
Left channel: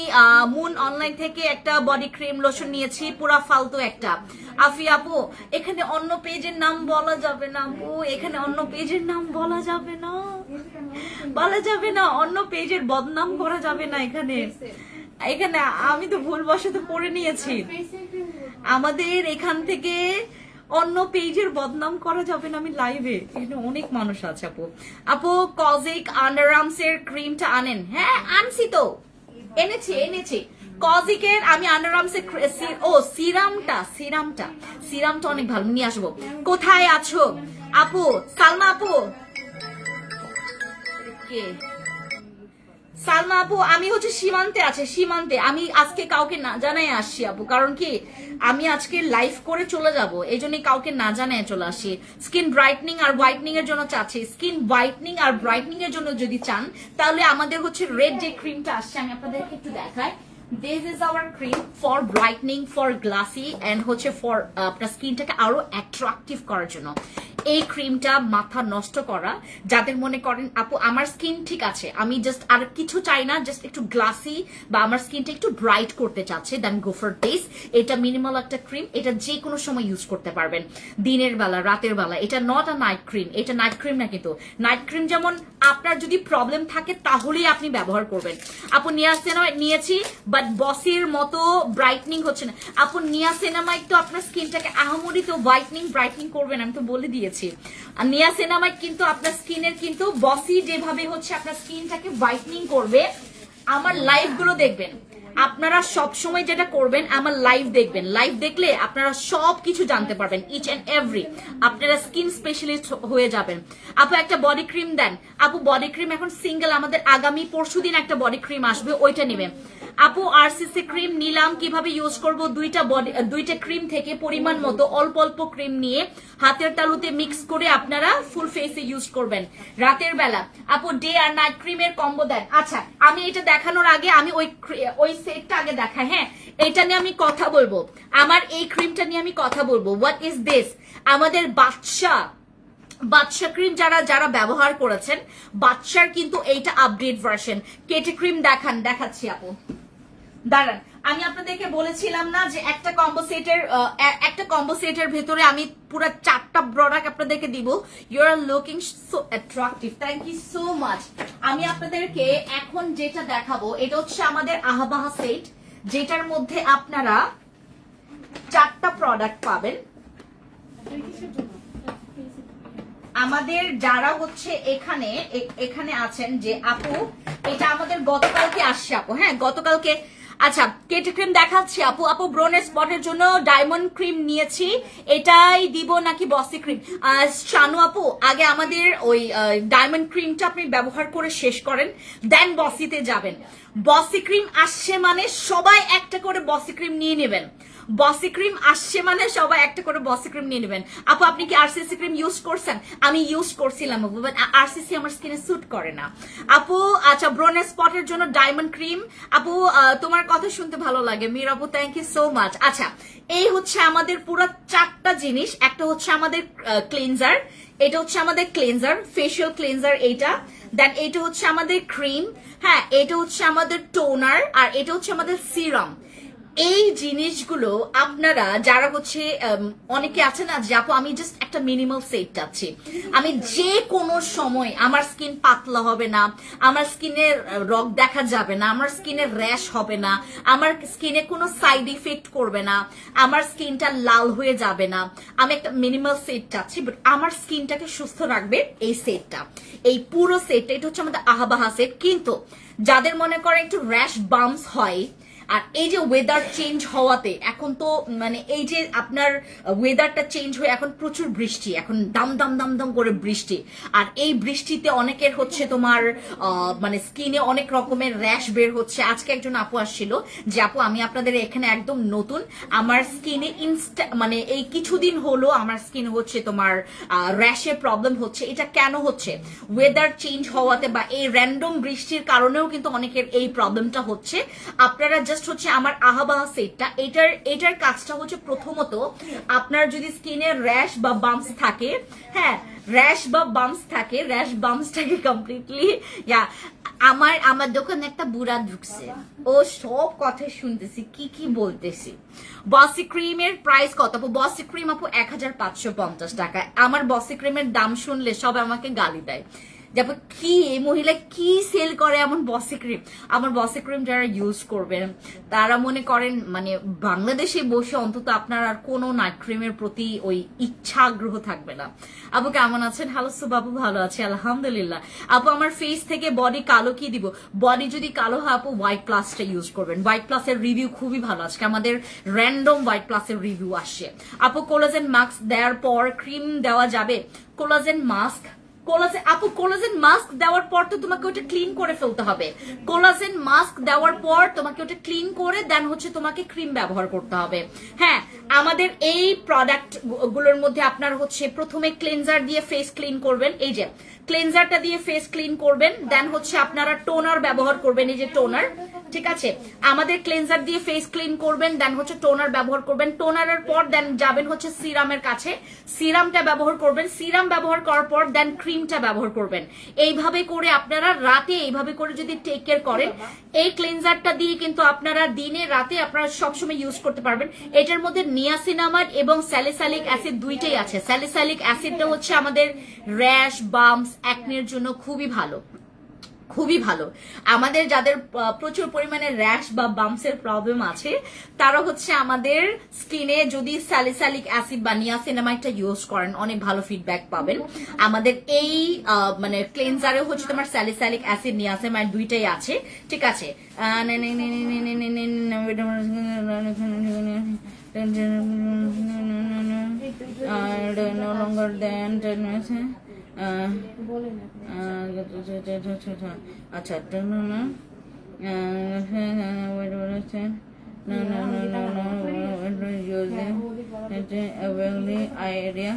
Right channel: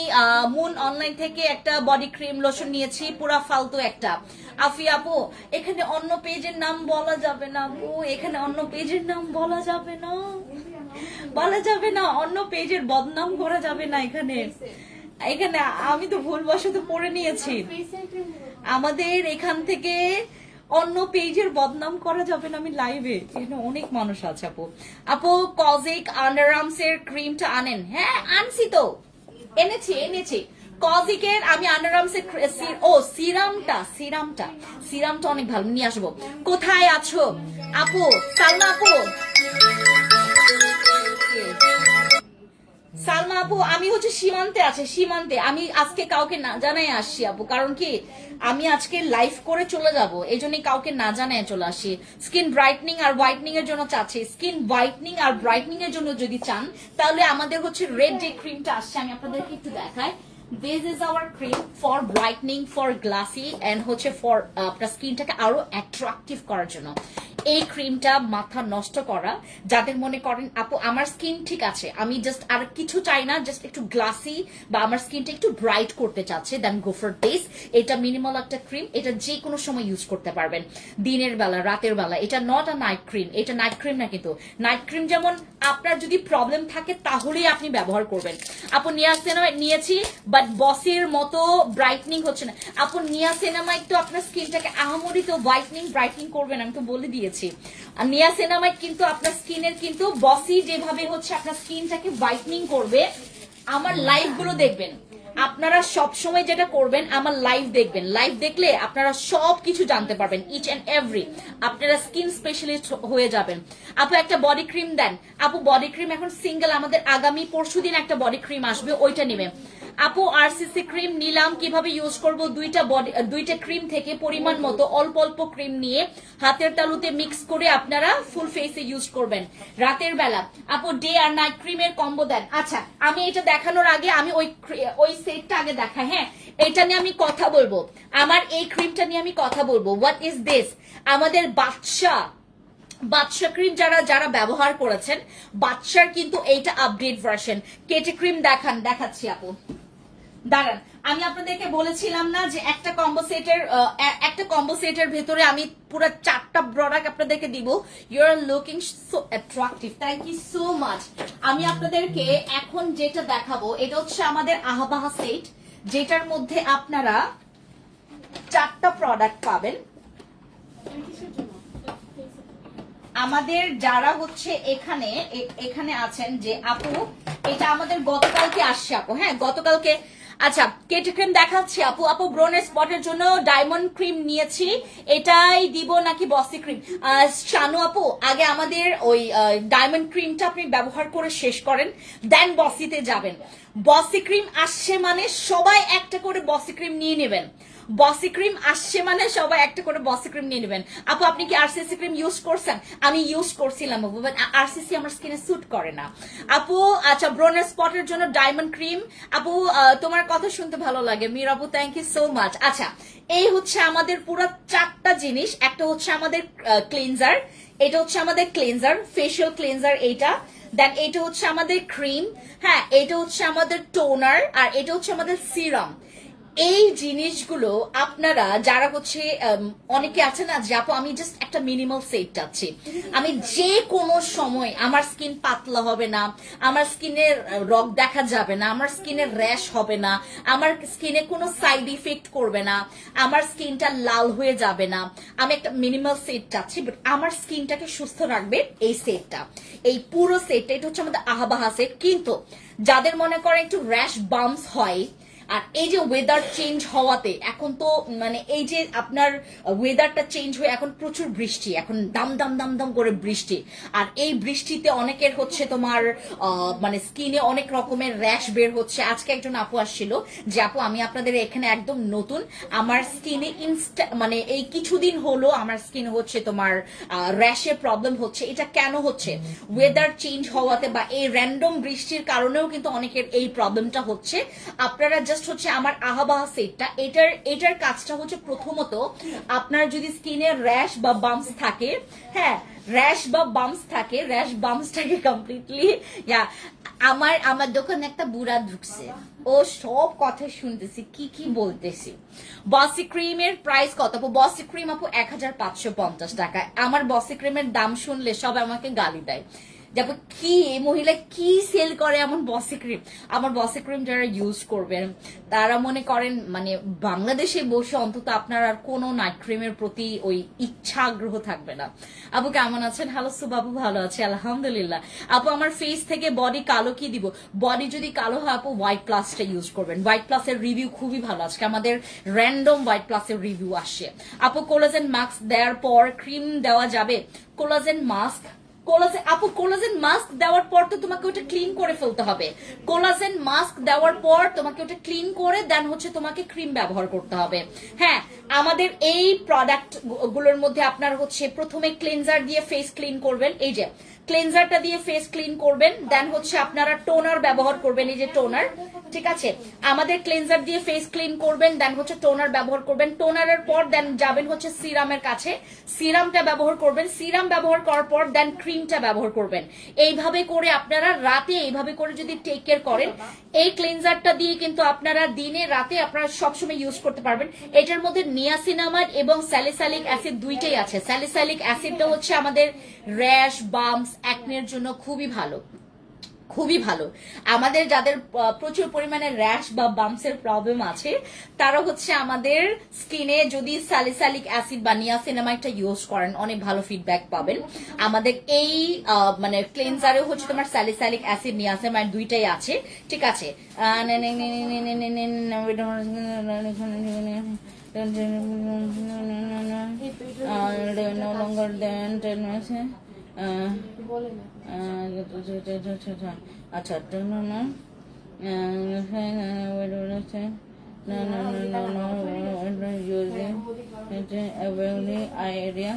মুন অনলাইন থেকে একটা বডি ক্রিম লোশন নিয়েছি, পুরা ফালতু একটা। আফি আপু এখানে অন্য পেজের নাম বলা যাবে না আপু, এখানে অন্য পেজের নাম বলা যাবে না, বলা যাবে না, অন্য পেজের বদনাম করা যাবে না। এখানে এখানে আমি তো ভুলবশত পড়ে নিয়েছি, আমাদের এখান থেকে অন্য পেজের বদনাম করা যাবে না, আমি লাইভে, এখানে অনেক মানুষ আছে। আপু আপু কজিক আন্ডারআর্মস এর ক্রিমটা আনেন? হ্যাঁ আনছি তো, এনেছি কজিকের আমি আন্ডারআর্মস এর সিরামটা অনেক ভালো, নিয়ে আসবো। কোথায় আছো আপু? সালমা আপু, সালমা আপু আমি হচ্ছে সীমান্তে আমি আজকে কাউকে না জানাই আসছি আপু, কারণ কি আমি আজকে লাইভ করে চলে যাব, এই জন্য কাউকে না জানাই চলে আসি। স্কিন ব্রাইটনিং আর হোয়াইটনিং এর জন্য চাচ্ছি, স্কিন হোয়াইটনিং আর ব্রাইটনিং এর জন্য যদি চান, তাহলে আমাদের হচ্ছে রেড যে ক্রিমটা আসছে আমি আপনাদেরকে একটু দেখাই। This is our cream for brightening, for glassy and হচ্ছে for আপনার স্কিনটাকে আরো অ্যাট্রাকটিভ করার জন্য। এই ক্রিমটা মাথা নষ্ট করা, যাদের মনে করেন আপু আমার স্কিন ঠিক আছে, আমি জাস্ট আর কিছু চাই না, জাস্ট একটু গ্লাসি বা আমার স্কিনটা একটু ব্রাইট করতে চাচ্ছে, দেন গো ফর দিস। এটা মিনিমাল একটা ক্রিম, এটা যে কোনো সময় ইউজ করতে পারবেন, দিনের বেলা রাতের বেলা। এটা নট আ নাইট ক্রিম, এটা নাইট ক্রিম না, কিন্তু নাইট ক্রিম যেমন আপনার যদি প্রবলেম থাকে তাহলেই আপনি ব্যবহার করবেন। আপু নিয়াসিনামাইড নিয়েছি, বাট বসির মতো ব্রাইটনিং হচ্ছে না। আপু নিয়াসিনামাইড তো আপনার স্কিনটাকে আহামরি তো হোয়াইটনিং ব্রাইটনিং করবেন, আমি তো বলে দিয়েছি। নিয়াসিনামাইড কিন্তু আপনার স্কিনের কিন্তু বসি যেভাবে হচ্ছে আপনার স্কিনটাকে হোয়াইটনিং করবে। আমার লাইভ গুলো দেখবেন, আপনারা সব সময় যেটা করবেন আমার লাইভ দেখবেন, লাইভ দেখলে আপনারা সবকিছু জানতে পারবেন, ইচ এন্ড এভরি, আপনারা স্কিন স্পেশালিস্ট হয়ে যাবেন। আপু একটা বডি ক্রিম দেন। আপু বডি ক্রিম এখন সিঙ্গেল, আমাদের আগামী পরশুদিন একটা বডি ক্রিম আসবে, ওইটা নেবেন। আপু আরসিসি ক্রিম নিলাম, কিভাবে ইউজ করব? দুইটা ক্রিম থেকে পরিমাণ মতো অল্প অল্প ক্রিম নিয়ে হাতের তালুতে মিক্স করে আপনারা ফুল ফেসে ইউজ করবেন রাতের বেলা। আপু ডে আর নাইট ক্রিমের কম্বো দেন। আচ্ছা আমি এটা দেখানোর আগে আমি ওই সেটটা আগে দেখাই। হ্যাঁ, এটা নিয়ে আমি কথা বলবো, আমার এই ক্রিমটা নিয়ে আমি কথা বলবো। What is this? আমাদের বাচ্চা ক্রিম যারা ব্যবহার করেছেন, বাচ্চার কিন্তু এইটা আপডেট ভার্সন। কেটি ক্রিম দেখাচ্ছি আপু, দাঁড়ান। আমি আপনাদেরকে বলেছিলাম না যে একটা কম্বো সেটের ভেতরে আমি পুরো 4টা প্রোডাক্ট আপনাদেরকে দিব। You are looking so attractive, thank you so much. আমি আপনাদেরকে এখন যেটা দেখাবো এটা হচ্ছে আমাদের আহাবাহা সেট, যেটার মধ্যে আপনারা 4টা প্রোডাক্ট পাবেন। আমাদের যারা হচ্ছে এখানে আছেন যে আপু, এটা আমাদের গতকালকে আসছে আপু। হ্যাঁ, গতকালকে। আচ্ছা, কেটি ক্রিম দেখাচ্ছি আপু। ব্রোন স্পটের জন্য ডায়মন্ড ক্রিম নিয়েছি, এটাই দিব নাকি বসি ক্রিম? শানু আপু, আগে আমাদের ওই ডায়মন্ড ক্রিমটা আপনি ব্যবহার করে শেষ করেন, দেন বসিতে যাবেন। বসি ক্রিম আসছে মানে সবাই একটা করে বসি ক্রিম নিয়ে নেবেন। বসি ক্রিম আসছে মানে সবাই একটা করে বসি ক্রিম নিয়ে নেবেন। আপু, আপনি কি আরসিসি ক্রিম ইউজ করছেন? আমি ইউজ করছিলাম আপু, বাট আরসিসি আমার স্কিনে স্যুট করে না আপু। আচ্ছা, ব্রোন স্পটের জন্য ডায়মন্ড ক্রিম। আপু, তোমার কথা শুনতে ভালো লাগে মীর আপু, থ্যাংক ইউ সো মাচ। আচ্ছা, এই হচ্ছে আমাদের পুরো 4টা জিনিস। একটা হচ্ছে আমাদের ক্লিনজার, এটা হচ্ছে আমাদের ক্লিনজার, ফেশিয়াল ক্লিনজার এইটা। দেন এটা হচ্ছে আমাদের ক্রিম। হ্যাঁ, এটা হচ্ছে আমাদের টোনার, আর এটা হচ্ছে আমাদের সিরাম। এই জিনিসগুলো আপনারা যারা হচ্ছে অনেকে আছে না যে আপু আমি জাস্ট একটা মিনিমাল সেট চাচ্ছি, আমি যে কোনো সময় আমার স্কিন পাতলা হবে না, আমার স্কিনে রগ দেখা যাবে না, আমার স্কিনে র্যাশ হবে না, আমার স্কিনে কোনো সাইড ইফেক্ট করবে না, আমার স্কিনটা লাল হয়ে যাবে না, আমি একটা মিনিমাল সেট চাচ্ছি, বাট আমার স্কিনটাকে সুস্থ রাখবে এই সেটটা, এই পুরো সেটটা। এটা হচ্ছে আমাদের আহাবাহা সেট। কিন্তু যাদের মনে করে একটু র্যাশ বাম্পস হয়, আর এই যে ওয়েদার চেঞ্জ হওয়াতে, এখন তো মানে এই যে আপনার ওয়েদারটা চেঞ্জ হয়ে এখন প্রচুর বৃষ্টি, এখন দাম দাম দাম দাম করে বৃষ্টি, আর এই বৃষ্টিতে অনেকের হচ্ছে তোমার মানে স্কিনে অনেক রকমের র্যাশ বের হচ্ছে। আজকে একজন আপু আসছিল যে আপু আমি আপনাদের এখানে একদম নতুন, আমার স্কিনে মানে এই কিছুদিন হলো আমার স্কিন হচ্ছে তোমার র্যাশের প্রবলেম হচ্ছে। এটা কেন হচ্ছে? ওয়েদার চেঞ্জ হওয়াতে বা এই র্যান্ডম বৃষ্টির কারণেও কিন্তু অনেকের এই প্রবলেমটা হচ্ছে। আপনারা জাস্ট হচ্ছে আমার আহাবাহা সেটটা, এটার কাজটা হচ্ছে প্রথমত আপনার যদি স্কিনে র্যাশ বা বাম্পস থাকে, হ্যাঁ র্যাশ বাম্পসটাকে কমপ্লিটলি আমার দোকানে একটা বুড়া ঢুকছে, ও সব কথা শুনতেছি কি বলতেছি। বসি ক্রিমের প্রাইস কত আপু? বসি ক্রিম আপু 1550 টাকা। আমার বসি ক্রিমের দাম শুনলে সব আমাকে গালি দেয়, যাবে কি মহিলা কি সেল করে এমন বসি ক্রিম। আমার বসি ক্রিম যারা ইউজ করবেন তারা মনে করেন মানে বাংলাদেশে বসে অন্তত আপনার আর কোনো নাইট ক্রিমের প্রতি ওই ইচ্ছা আগ্রহ থাকবে না। আপু কেমন আছেন? হ্যালো সুবাবু, ভালো আছি আলহামদুলিল্লাহ। আপু আমার ফেস থেকে বডি কালো কি দিব? বডি যদি কালো হয় আপু হোয়াইট প্লাসটা ইউজ করবেন। হোয়াইট প্লাসের রিভিউ খুবই ভালো, আজকে আমাদের র্যান্ডম হোয়াইট প্লাসের রিভিউ আসছে। আপু কোলাজেন মাস্ক দেওয়ার পর ক্রিম দেওয়া যাবে? কোলাজেন মাস্ক আপু কোলাজেন মাস্ক দেওয়ার পর তো তোমাকে ওটা ক্লিন করে ফেলতে হবে। কোলাজেন মাস্ক দেওয়ার পর তোমাকে ওটা ক্লিন করে দেন হচ্ছে তোমাকে ক্রিম ব্যবহার করতে হবে। হ্যাঁ, আমাদের এই প্রোডাক্ট গুলোর মধ্যে আপনার হচ্ছে প্রথমে ক্লিনজার দিয়ে ফেস ক্লিন করবেন, এই যে ক্লিনজারটা দিয়ে ফেস ক্লিন করবেন, দেন হচ্ছে আপনারা টোনার ব্যবহার করবেন, এই যে টোনার, ঠিক আছে। আমাদের ক্লিনজার দিয়ে ফেস ক্লিন করবেন, দেন হচ্ছে টোনার ব্যবহার করবেন, টোনারের পর দেন যাবেন হচ্ছে সিরামের কাছে, সিরামটা ব্যবহার করবেন, সিরাম ব্যবহার করার পর দেন ক্রিমটা ব্যবহার করবেন। এইভাবে করে আপনারা রাতে এইভাবে করে যদি টেক কেয়ার করেন, এই ক্লিনজারটা দিয়ে কিন্তু আপনারা দিনে রাতে আপনারা সবসময় ইউজ করতে পারবেন। এটার মধ্যে নিয়াসিনামাইড এবং স্যালিসাইলিক অ্যাসিড দুইটাই আছে। স্যালিসাইলিক অ্যাসিডটা হচ্ছে আমাদের র্যাশ বাম্পস অ্যাকনের জন্য খুবই ভালো, খুবই ভালো। আমাদের যাদের প্রচুর পরিমাণে র্যাশ বা বাম্পসের প্রবলেম আছে তারা হচ্ছে আমাদের স্কিনে যদি স্যালিসাইলিক অ্যাসিড বা নিয়াসিনামাইডটা ইউজ করেন অনেক ভালো ফিডব্যাক পাবেন। আমাদের এই মানে ক্লিনজারে হচ্ছে তোমার স্যালিসাইলিক অ্যাসিড নিয়াসিনামাইড দুইটাই আছে, ঠিক আছে। আচ্ছা area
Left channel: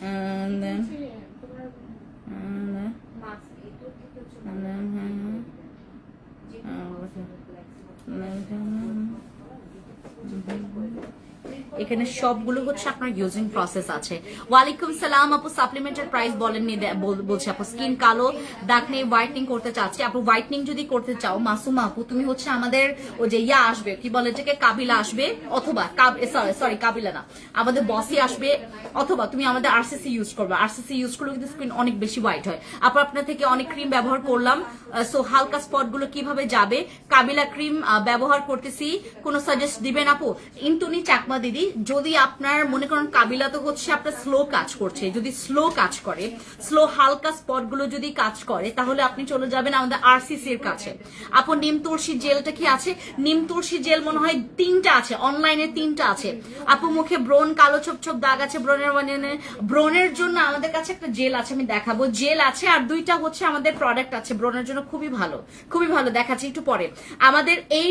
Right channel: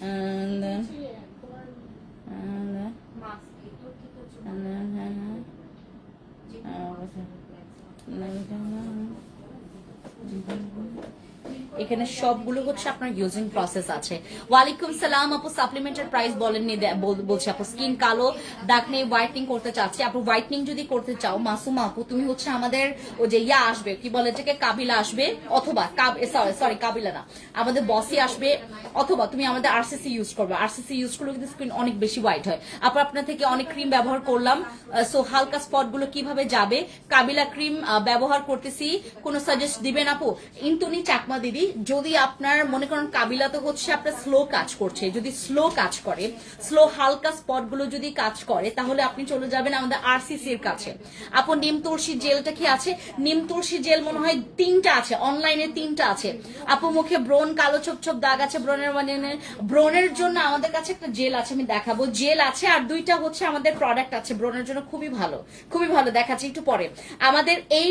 and then এখানে সবগুলো হচ্ছে আপনার ইউজিং প্রসেস আছে। ওয়ালাইকুম সালাম আপু, সাপ্লিমেন্টের প্রাইস বলেননি, বলছি আপু স্কিন কালো দাগ নেই, হোয়াইটনিং করতে চাচ্ছি আপু। হোয়াইটনিং যদি করতে চাও মাসুমা আপু, তুমি হচ্ছে আমাদের ওই যে ইয়া আসবে, কি বলে এটাকে, কাবিলা আসবে, অথবা সরি কাবিলা না, আমাদের বসি আসবে, অথবা তুমি আমাদের আরসিসি ইউজ করবে। আরসিসি ইউজ করলে কিন্তু স্কিন অনেক বেশি হোয়াইট হয় আপু। আপনার থেকে অনেক ক্রিম ব্যবহার করলাম, সো হালকা স্পট গুলো কিভাবে যাবে, কাবিলা ক্রিম ব্যবহার করতেছি, কোন সাজেস্ট দিবেন আপু? ইন্টুনি চাকমা দিদি, যদি আপনার মনে করেন কাবিলা তো হচ্ছে আপনার স্লো কাজ করছে, যদি স্লো কাজ করে, স্লো হালকা স্পট গুলো যদি কাজ করে, তাহলে আপনি চলে যাবেন আমাদের আরসিসি এর কাছে আপু। নিম তুলসী জেলটা কি আছে? নিম তুলসী জেল মনে হয় 3টা আছে, অনলাইনে 3টা আছে আপু। মুখে ব্রণ কালো ছোপ ছোপ দাগ আছে, ব্রণের জন্য আমাদের কাছে একটা জেল আছে, আমি দেখাবো, জেল আছে, আর 2টা হচ্ছে আমাদের প্রোডাক্ট আছে ব্রণের জন্য, খুবই ভালো, খুবই ভালো, দেখাচ্ছি একটু পরে। আমাদের এই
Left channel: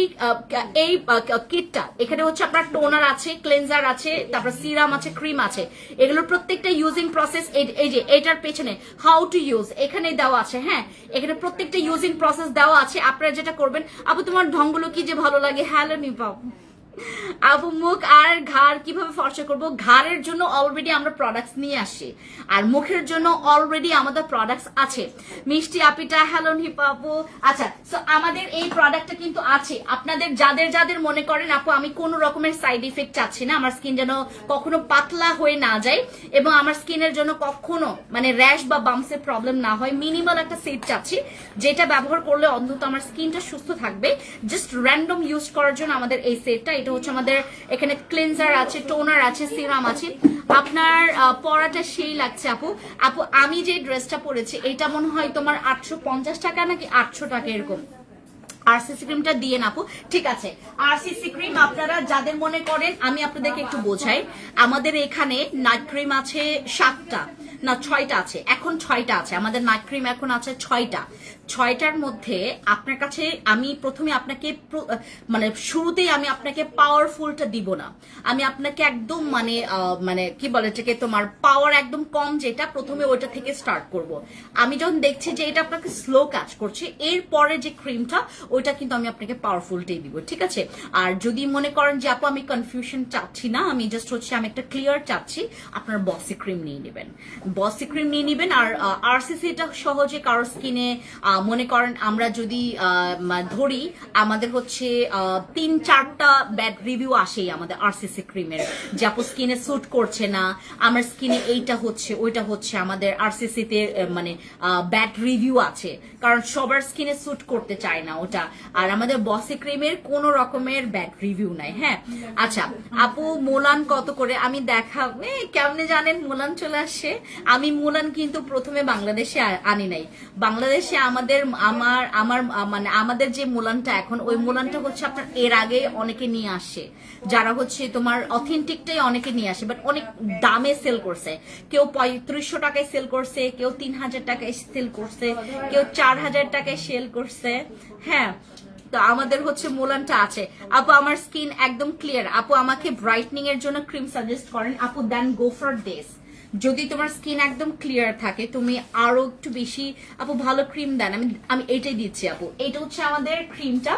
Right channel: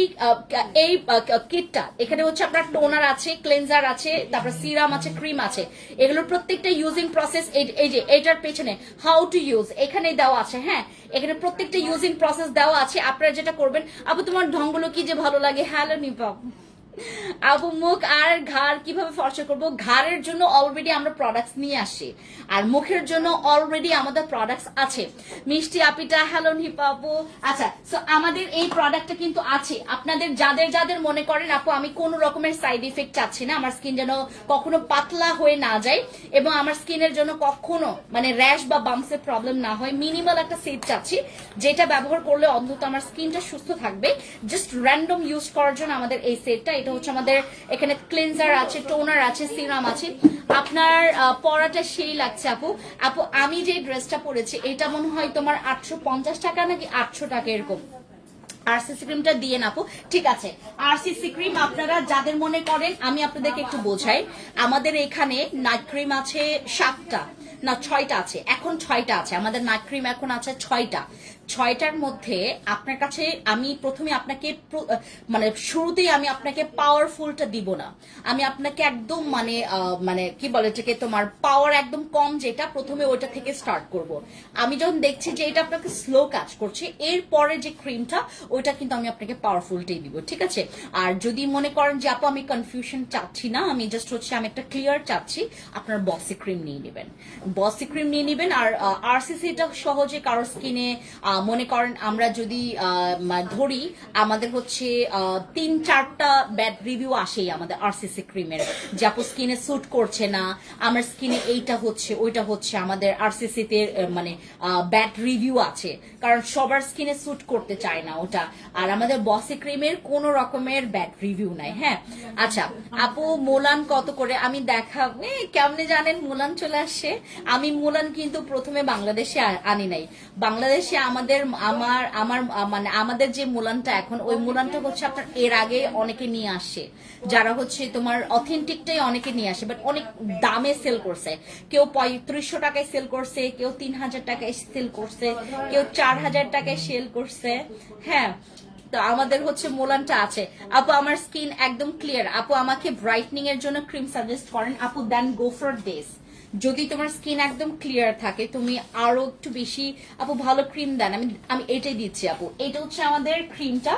কিটটা, এখানে হচ্ছে আপনার টোনার আছে, ক্লেনজার আছে, তারপর সিরাম আছে, ক্রিম আছে, এগুলোর প্রত্যেকটা ইউজিং প্রসেস এই যে এটার পেছনে হাউ টু ইউজ এখানে দেওয়া আছে। হ্যাঁ, এখানে প্রত্যেকটা ইউজিং প্রসেস দেওয়া আছে। আপনারা যেটা করবেন আপু, তোমার ঢঙ্গগুলো কি যে ভালো লাগে। হ্যালো নিপাপ আপু, মুখ আর ঘাড় কিভাবে ফর্সা করবো? ঘাড়ের জন্য অলরেডি আমরা প্রোডাক্টস নিয়ে আসি, আর মুখের জন্য অলরেডি আমাদের প্রোডাক্টস আছে। মিষ্টি আপিটা হ্যালো নিপা আপু। আচ্ছা, সো আমাদের এই প্রোডাক্টটা কিন্তু আছে। আপনাদের যাদের যাদের মনে করেন আপু আমি কোন রকমের সাইড ইফেক্ট চাচ্ছি না, আমার স্কিন যেন কখনো পাতলা হয়ে না যায়, এবং আমার স্কিনের জন্য কখনো মানে র্যাশ বা বাম্পসের প্রবলেম না হয়, মিনিমাল একটা সেট চাচ্ছি, যেটা ব্যবহার করলে অন্তত আমার স্কিনটা সুস্থ থাকবে। জাস্ট র্যান্ডম ইউজ করার জন্য আমাদের এই সেটটা। এটা হচ্ছে আমাদের এখানে ক্লিনজার আছে, টোনার আছে, সিরাম আছে। আপনার পরাটা সেই লাগছে আপু। আপু আমি যে ড্রেসটা পরেছি এটা মনে হয় তোমার 850 টাকা নাকি 800 টাকা এরকম। আরসিসি ক্রিমটা দিয়ে আপু, ঠিক আছে। আরসিসি ক্রিম আপনারা যাদের মনে করেন, আমি আপনাদেরকে একটু বোঝাই, আমাদের এখানে নাইট ক্রিম আছে 7টা না 6টা আছে, এখন 6টা আছে আমাদের নাইট ক্রিম, এখন আছে 6টা। 6টার মধ্যে আপনার কাছে আমি প্রথমে আপনাকে মানে শুরুতেই আমি আপনাকে পাওয়ারফুলটা দিব না, আমি আপনাকে একদম মানে কি বলে এটাকে, তোমার পাওয়ার একদম কম যেটা, প্রথমে ওইটা থেকে স্টার্ট করব। আমি যখন দেখছি যে এটা আপনাকে স্লো কাজ করছে, এরপরে যে ক্রিমটা ওইটা কিন্তু আমি আপনাকে পাওয়ারফুলটাই দিব, ঠিক আছে। আর যদি মনে করেন যে আপু আমি কনফিউশন চাচ্ছি না, আমি জাস্ট হচ্ছে আমি একটা ক্লিয়ার চাচ্ছি, আপনার বসি ক্রিম নিয়ে নেবেন, বসি ক্রিম নিয়ে নেবেন। আর আরসিসিটা সহজে কারোর স্কিনে মনে করেন আমরা যদি ধরি, আমাদের হচ্ছে 3-4টা ব্যাড রিভিউ আসেই আমাদের আরসিসি ক্রিমের, যে আপু স্কিনে স্যুট করছে না, আমার স্কিনে এইটা হচ্ছে ওইটা হচ্ছে, আমাদের আরসিসিতে মানে ব্যাড রিভিউ আছে, কারণ সবার স্কিনে স্যুট করতে চায় না ওটা। আর আমাদের বসি ক্রিমের কোন রকমের ব্যাড রিভিউ নাই। হ্যাঁ, আচ্ছা আপু মোলান কত করে? আমি দেখাবো। কেমনে জানেন মোলান চলে আসছে? আমি মোলান কিন্তু প্রথমে বাংলাদেশে আনি নাই, বাংলাদেশে আমাদের যে মোলানটা এখন, ওই মোলানটা হচ্ছে আপনার এর আগে অনেকে নিয়ে আসে, যারা হচ্ছে তোমার অথেন্টিকটাই অনেকে নিয়ে আসে, বাট অনেক দামে সেল করছে। কেউ 3500 টাকায় সেল করছে, কেউ 3000 টাকায় সেল করছে, কেউ 4000 টাকায় সেল করছে। হ্যাঁ, তো আমাদের হচ্ছে মোলানটা আছে। আপু আমার স্কিন একদম ক্লিয়ার, আপু আমাকে ব্রাইটনিং এর জন্য ক্রিম সাজেস্ট করেন আপু, দেন গো ফর দিস। যদি তোমার স্কিন একদম ক্লিয়ার থাকে, তুমি আরো একটু বেশি আপু ভালো ক্রিম দেন, আমি এটাই দিচ্ছি আপু। এটা হচ্ছে আমাদের ক্রিমটা,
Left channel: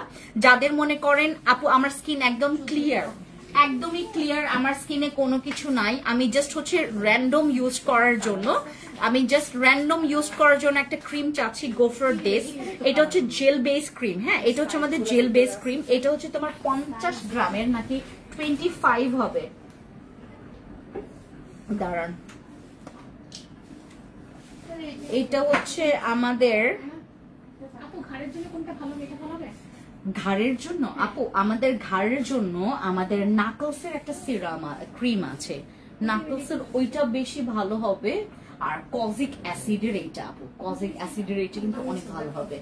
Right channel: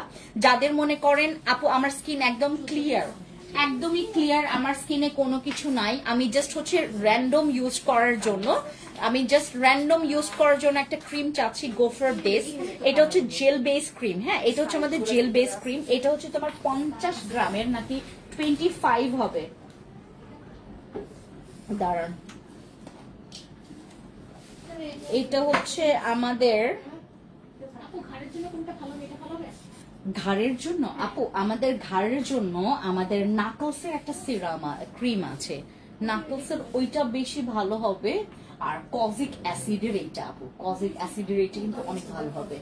যাদের মনে করেন আপু আমার স্কিন একদম ক্লিয়ার, একদমই ক্লিয়ার, আমার স্কিনে কোনো কিছু নাই, আমি জাস্ট হচ্ছে র্যান্ডম ইউজ করার জন্য, একটা ক্রিম চাচ্ছি, গো ফর দিস। এটা হচ্ছে জেল বেস ক্রিম। হ্যাঁ, এটা হচ্ছে আমাদের জেল বেস ক্রিম। এটা হচ্ছে তোমার 50 গ্রামের নাকি 25 হবে, দাঁড়ান, এটা হচ্ছে আমাদের ঘাড়ের জন্য আপু, আমাদের ঘাড়ের জন্য আমাদের নাকলসের একটা সিরাম ক্রিম আছে, নাকলসের ওইটা বেশি ভালো হবে। আর কজিক অ্যাসিডের এইটা আপু, কজিক অ্যাসিডের এইটা কিন্তু অনেক ভালো হবে।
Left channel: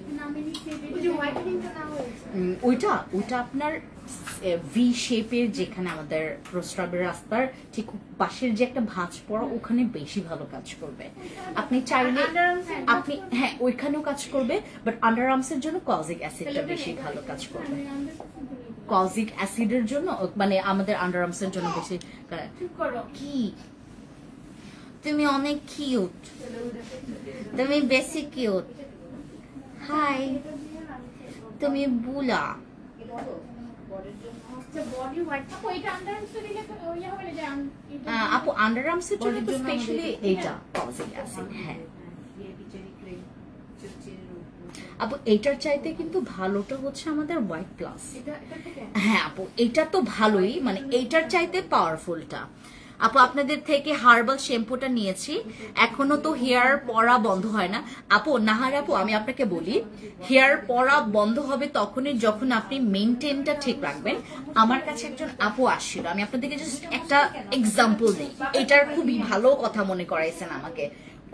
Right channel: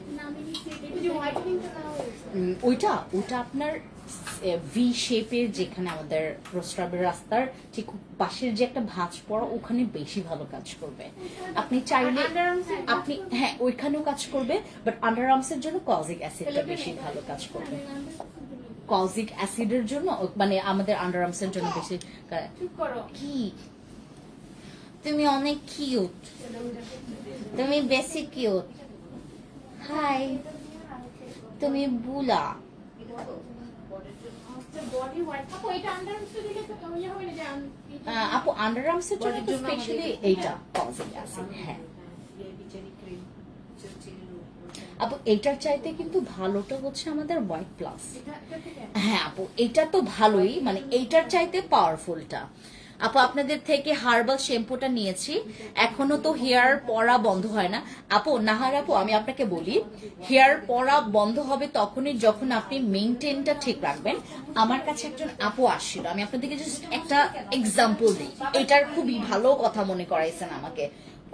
ওইটা আপনার ভি শেপের, যেখানে আমাদের প্রস্রাবের রাস্তার ঠিক পাশের যে একটা ভাঁজ পড়া, ওখানে বেশি ভালো কাজ করবে। আপনি চাইলে আপনি হ্যাঁ ওইখানেও কাজ করবে, বাট আন্ডার আর্মসের জন্য কজিক অ্যাসিডটা বেশি ভালো কাজ করবে। কজিক অ্যাসিডের জন্য মানে আমাদের আন্ডার আর্মসের জন্য বেশি। কি তুমি অনেক কিউট, তুমি বেশি কিউট। হাই, তুমি বুলা, আপু আন্ডার আর্মসের জন্য তো স্পেশালি এইটা পজিটিভ আছে। হ্যাঁ আপু এইটার চাইতে কিন্তু ভালোটা হচ্ছে আমাদের হোয়াইট প্লাস। হ্যাঁ আপু এটা তো ভালোই, মানে এইটার চাইতে পাওয়ারফুলটা। আপু আপনাদের থেকে হার্বাল শ্যাম্পুটা নিয়েছি, এখনো তো হেয়ার পড়া বন্ধ হয় না। আপু নাহার আপু আমি আপনাকে বলি, হেয়ার পড়া বন্ধ হবে তখনই যখন আপনি মেইনটেইনটা ঠিক রাখবেন। আমার কাছে একজন আপু আসছিল, আমি আপনাদেরকে জাস্ট একটা এক্সাম্পল দিই, এটার খুবই ভালো কথা মনে করাইছেন আমাকে,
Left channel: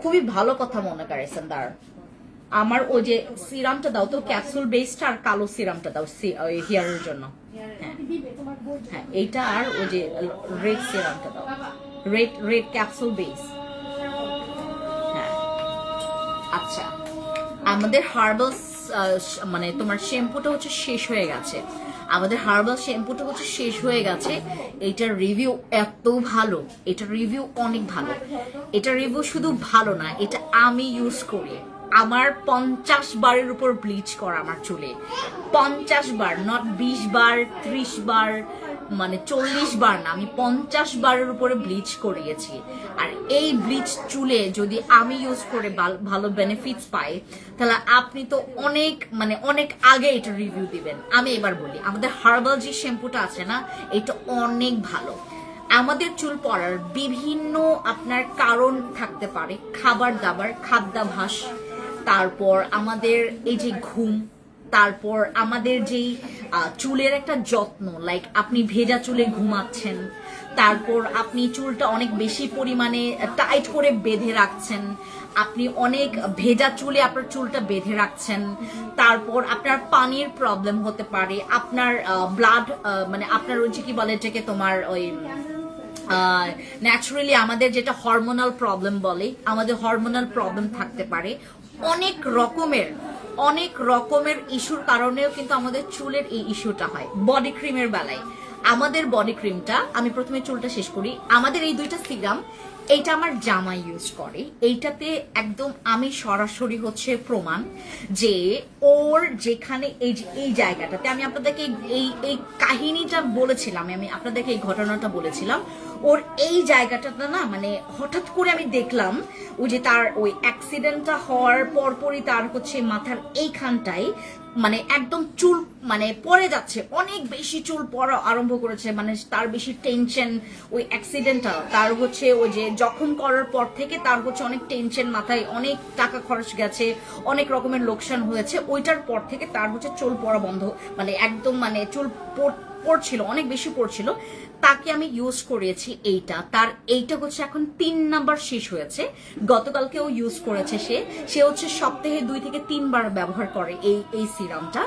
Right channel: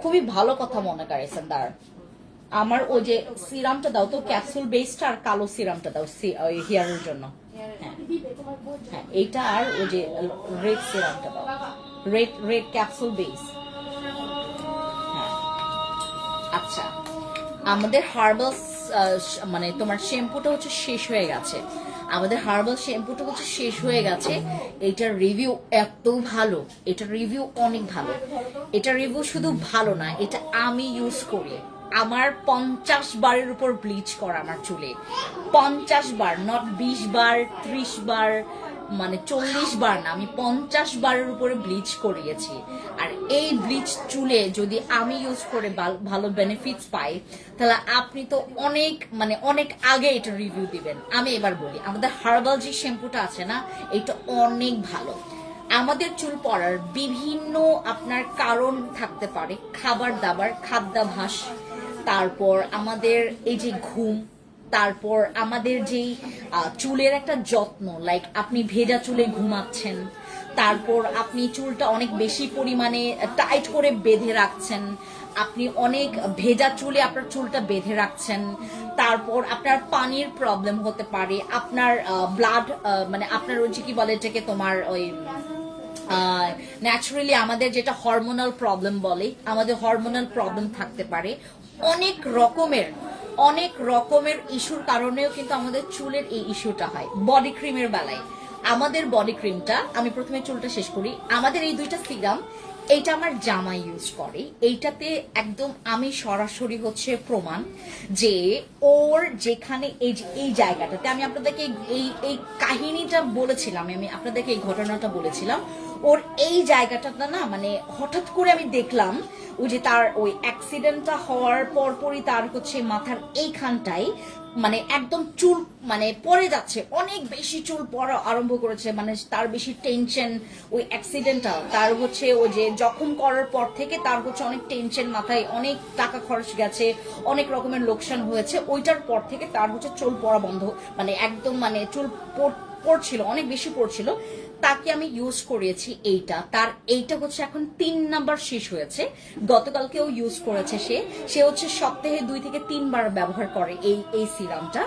খুবই ভালো কথা মনে করাইছেন। দাঁড় আমার ওই যে সিরামটা দাও তো, ক্যাপসুল বেসটা আর কালো সিরামটা দাও হেয়ারের জন্য। হ্যাঁ এইটা আর ওই যে রেড সিরামটা দাও, রেড ক্যাপসুল বেস। হ্যাঁ আচ্ছা আমাদের হার্বাল মানে তোমার শ্যাম্পুটা হচ্ছে শেষ হয়ে গেছে, আমাদের হার্বাল শ্যাম্পুটা হচ্ছে শেষ হয়ে গেছে। এটার রিভিউ এত ভালো, এটার রিভিউ অনেক ভালো। এটার রিভিউ শুধু ভালো না, এটা আমি ইউজ করি, আমার 50 বারের উপর ব্লিচ করা আমার চুলে, 50 বার, নট 20 বার 30 বার, মানে 40 বার না, আমি 50 বারের উপরে ব্লিচ করিয়েছি। আর এই ব্লিচ চুলে যদি আমি ইউজ করে ভালো বেনিফিটস পাই, তাহলে আপনি তো অনেক মানে অনেক আগে এটা রিভিউ দিবেন। আমি এবার বলি আমাদের হার্বাল যে শ্যাম্পুটা আছে না, এটা অনেক ভালো। আমাদের চুল পড়ার বিভিন্ন আপনার কারণ থাকতে পারে, খাবার দাবার, খাদ্যাভ্যাস, তারপর আমাদের এই যে ঘুম, তারপর আমাদের যেই চুলের একটা যত্ন, লাইক আপনি ভেজা চুলে ঘুমাচ্ছেন, তারপর আপনি চুলটা অনেক বেশি পরিমাণে টাইট করে বেঁধে রাখছেন, আপনি অনেক ভেজা চুলে আপনার চুলটা বেঁধে রাখছেন, তারপর আপনার পানির প্রবলেম হতে পারে, আপনার ব্লাড মানে আপনার ওই যে কি বলে এটাকে তোমার ওই ন্যাচারালি আমাদের যেটা হরমোনাল প্রবলেম বলে, আমাদের হরমোনাল প্রবলেম থাকতে পারে, অনেক রকমের ইস্যুর কারণেও কিন্তু আমাদের চুলের এই ইস্যুটা হয়। বডি ক্রিমের বেলায় আমাদের বডি ক্রিমটা, আমি প্রথমে চুলটা শেষ করি, আমাদের এই দুইটা সিরাম, এইটা আমার জামাই ইউজ করে, এইটাতে একদম আমি সরাসরি হচ্ছে প্রমাণ যে ওর যেখানে এই জায়গাটাতে, আমি আপনাদেরকে এই কাহিনীটা বলেছিলাম, আমি আপনাদেরকে এই ঘটনাটা বলেছিলাম, ওর এই জায়গাটাতে না মানে হঠাৎ করে আমি দেখলাম ওই যে তার ওই অ্যাক্সিডেন্টটা হওয়ার পরপরই তার হচ্ছে মাথার এইখানটাই মানে একদম চুল মানে পড়ে যাচ্ছে, অনেক বেশি চুল পড়া আরম্ভ করেছে, মানে তার বেশি টেনশন, ওই অ্যাক্সিডেন্টটা তার হচ্ছে ওই যে জখম করার পর থেকে তার হচ্ছে অনেক টেনশন, মাথায় অনেক টাকা খরচ গেছে, অনেক রকমের লোকসান হয়েছে, ওইটার পর থেকে তার হচ্ছে চুল পড়া বন্ধ, মানে একদম মানে চুল পড়ছিল, অনেক বেশি পড়ছিল। তাকে আমি ইউজ করেছি এইটা, তার এইটা হচ্ছে এখন 3 নাম্বার শেষ হয়েছে, গতকালকেও ইউজ করেছে সে হচ্ছে সপ্তাহে 2 থেকে 3 বার ব্যবহার করে এই সিরামটা।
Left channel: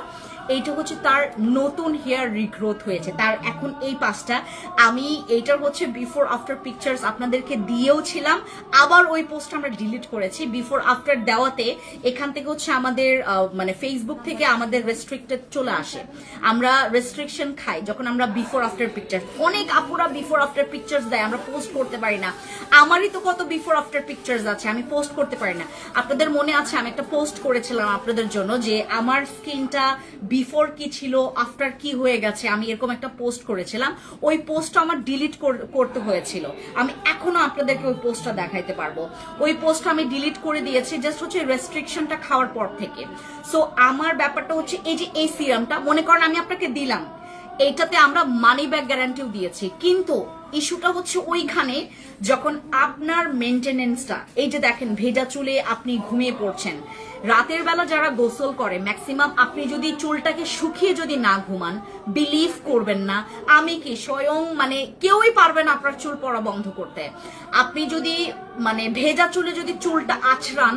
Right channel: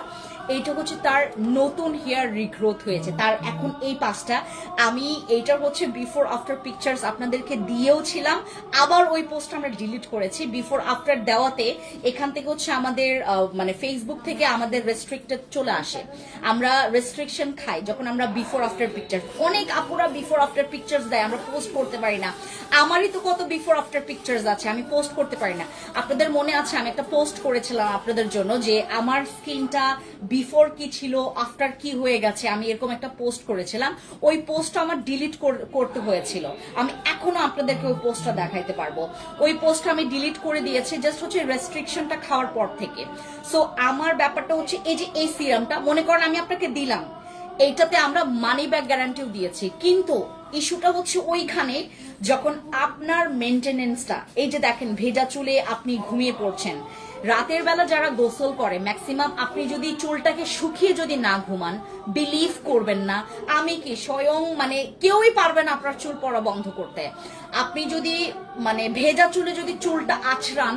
এইটা হচ্ছে তার নতুন হেয়ার রিগ্রোথ হয়েছে, তার এখন এই 5টা। আমি এইটার হচ্ছে বিফোর আফটার পিকচার্স আপনাদেরকে দিয়েও ছিলাম, আবার ওই পোস্ট আমরা ডিলিট করেছি। বিফোর আফটার দেওয়াতে এখান থেকে হচ্ছে আমাদের মানে ফেসবুক থেকে আমাদের রেস্ট্রিক্টেড চলে আসে, আমরা রেস্ট্রিকশন খাই যখন আমরা বিফোর আফটার পিকচার্স, অনেক আপুরা বিফোর আফটার পিকচার্স দেয়, আমরা পোস্ট করতে পারি না। আমারই তো কত বিফোর আফটার পিকচার্স আছে, আমি পোস্ট করতে পারি না। আপনাদের মনে আছে আমি একটা পোস্ট করেছিলাম আপনাদের জন্য যে আমার স্কিনটা বিফোর কি ছিল, আফটার কি হয়ে গেছে, আমি এরকম একটা পোস্ট করেছিলাম। ওই পোস্টটা আমার ডিলিট করতে হয়েছিল, আমি এখনো আপনাদেরকে ওই পোস্টটা দেখাইতে পারবো। ওই পোস্টটা আমি ডিলিট করে দিয়েছি জাস্ট হচ্ছে রেস্ট্রিকশনটা খাওয়ার পর থেকে। সো আমার ব্যাপারটা হচ্ছে এই যে এই সিরামটা মনে করেন আমি আপনাকে দিলাম, এইটাতে আমরা মানি ব্যাক গ্যারান্টিও দিয়েছি, কিন্তু ইস্যুটা হচ্ছে ওইখানে যখন আপনার মেনটেনেন্সটা, এই যে দেখেন ভেজা চুলে আপনি ঘুমিয়ে পড়ছেন, রাতের বেলা যারা গোসল করে ম্যাক্সিমাম আপনি যদি চুলটাকে শুকিয়ে যদি না ঘুমান, বিলিভ করবেন না, আমি কি স্বয়ং মানে কেউই পারবে না আপনার চুল পড়া বন্ধ করতে। আপনি যদি মানে ভেজা চুলে যদি চুলটা আঁচড়ান,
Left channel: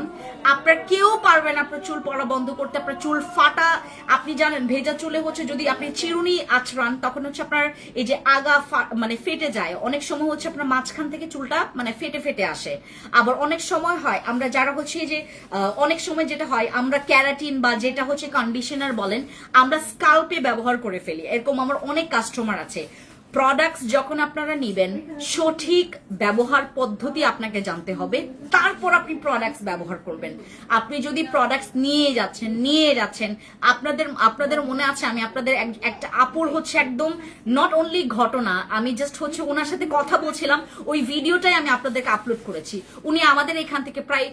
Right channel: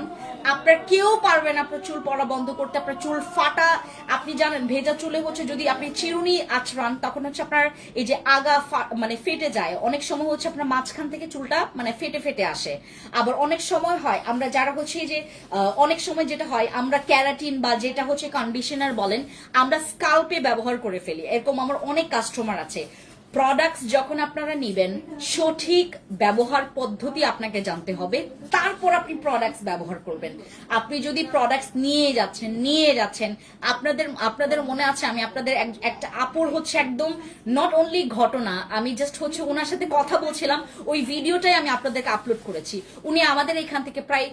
আপনার কেউ পারবে না আপনার চুল পড়া বন্ধ করতে, আপনার চুল ফাটা। আপনি জানেন ভেজা চুলে হচ্ছে যদি আপনি চিরুনি আঁচড়ান তখন হচ্ছে আপনার এই যে আগা মানে ফেটে যায়, অনেক সময় হচ্ছে আপনার মাঝখান থেকে চুলটা মানে ফেটে ফেটে আসে। আবার অনেক সময় হয় আমরা যারা হচ্ছে যে অনেক সময় যেটা হয় আমরা ক্যারাটিন বা যেটা হচ্ছে কন্ডিশনার বলেন আমরা স্কাল্পে ব্যবহার করে ফেলি, এরকম আমার অনেক কাস্টমার আছে। প্রোডাক্টস যখন আপনারা নেবেন সঠিক ব্যবহার পদ্ধতি আপনাকে জানতে হবে, তারপর আপনি প্রোডাক্টস ব্যবহার করবেন। আপনি যদি প্রোডাক্টস নিয়ে যাচ্ছেন আপনাদের মনে আছে আমি আপনাদের একটা আপুর হচ্ছে একদম নট অনলি ঘটনা, আমি জাস্ট হচ্ছে ওনার সাথে কথা বলছিলাম, ওই ভিডিওটাই আমি আপনাদেরকে আপলোড করেছি। উনি আমাদের এখান থেকে প্রায়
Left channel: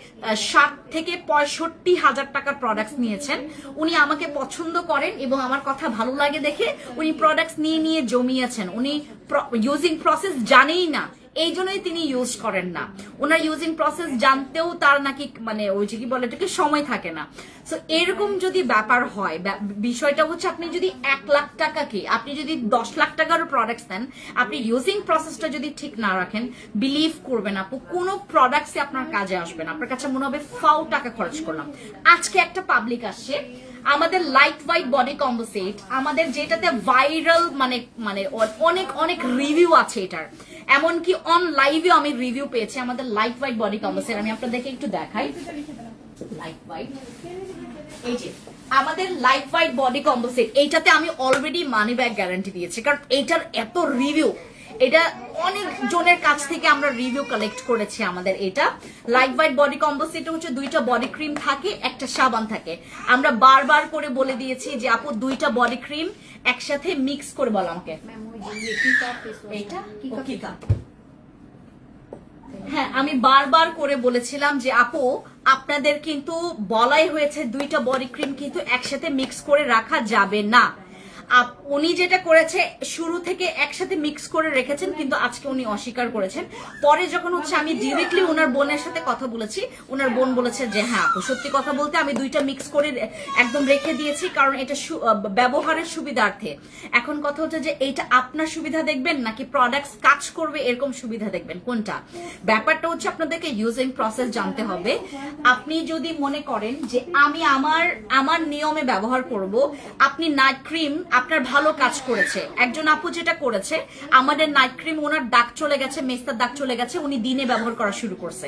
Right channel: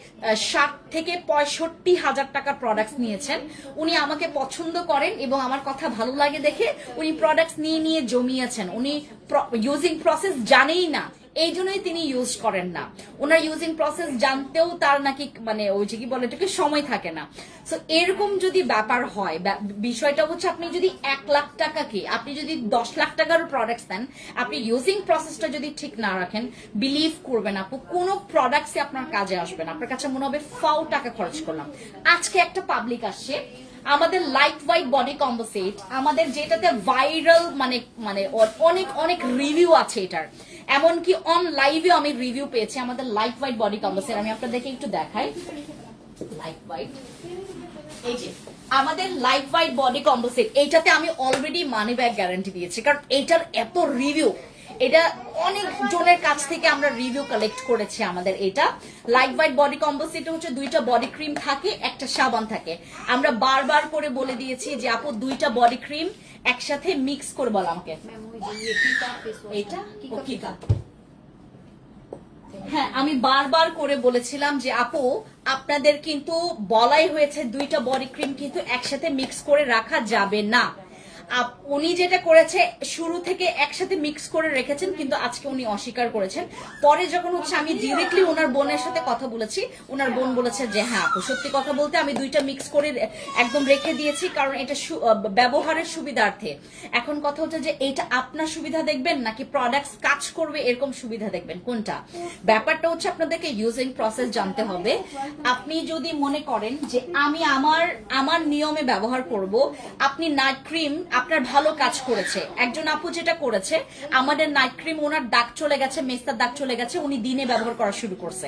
60 থেকে 65,000 টাকার প্রোডাক্টস নিয়েছেন। উনি আমাকে পছন্দ করেন এবং আমার কথা ভালো লাগে দেখে উনি প্রোডাক্টস নিয়ে জমিয়েছেন। উনি ইউজিং প্রসেস জানেই না, এই জন্যই তিনি ইউজ করেন না। ওনার ইউজিং প্রসেস জানতেও তার নাকি মানে ওই যে কি বলে এটাকে সময় থাকে না। সো এরকম যদি ব্যাপার হয়, বিষয়টা হচ্ছে আপনি যদি 1 লাখ টাকাকে আপনি যদি 10 লাখ টাকারও প্রোডাক্টস দেন, আপনি ইউজিং প্রসেসটা যদি ঠিক না রাখেন, বিলিভ করবেন আপু কোন প্রোডাক্টসই আপনার কাজে আসবে না। আপনার কাছে মনে হবে ফাউ টাকা খরচ করলাম। আজকে একটা পাবলিক আসছে আমাদের লাইট ওয়েট বডি কম্পোজিট, আমাদের যেটাতে ভাইরাল মানে অনেক অনেক রিভিউ আছে এটার, এমনকি অন লাইভে আমি রিভিউ পেয়েছি আমাদের লাইট ওয়েট বডি কম্পোজিট। আমি আপনাদেরকে একটু দেখাই লাইট ওয়েট, এই যে আমাদের লাইট ওয়েট বডি কম্পোজিট, এইটাতে আমি অলরেডি মানি ব্যাক গ্যারান্টি দিয়েছি, কারণ এইটার এত রিভিউ, এটা অনেক জনের কাছ থেকে আমরা রিভিউ কালেক্ট করেছি। আমাদের এটা লাইট ওয়েট বডি কম্পোজিট হচ্ছে 2টা বডি ক্রিম থাকে, একটা সাবান থাকে। আমরা বারবার করে বলে দিয়েছি যে আপু 2টা বডি ক্রিম একসাথে মিক্স করে বল আমাকে, এটা হ্যাঁ আমি বারবার করে বলেছিলাম যে আপু আপনাদের কিন্তু বলাই হয়েছে 2টা বডি ক্রিম কিন্তু একসাথে মিক্স করে রাখা যাবে না। উনি যেটা করেছে শুরু থেকে একসাথে মিক্স করে রেখেছেন, কিন্তু আজকে উনি অস্বীকার করেছেন। পরে যখন হচ্ছে আমি ডিরেক্টলি ওনার বোনের সাথে কথা বলেছি, ওনার বোন বলেছে যে হ্যাঁ আপু সত্যি কথা বলতে আমি 2টা মিক্স করে একদম রেখে দিয়েছি, কারণ এটা ব্যবহারের সুবিধার্থে। এখন কথা হচ্ছে যে এইটা আপনার সুবিধা দেখবেন নাকি প্রোডাক্টস কাজ করবে এরকম সুবিধা দেখবেন, কোনটা? ব্যাপারটা হচ্ছে আপনাদেরকে ইউজিং প্রসেস জানতে হবে। আপনি যদি মনে করেন যে আমি আমার নিয়মে ব্যবহার করব, আপনি নাইট ক্রিম আপনার ভালো কাজ করেছে। একজন আপু যেটা করেছে, আমাদের নাইট ক্রিম ওনার দাগ চলে গেছে, মেস্তার দাগ চলে গেছে, উনি দিনে ব্যবহার করা শুরু করছে,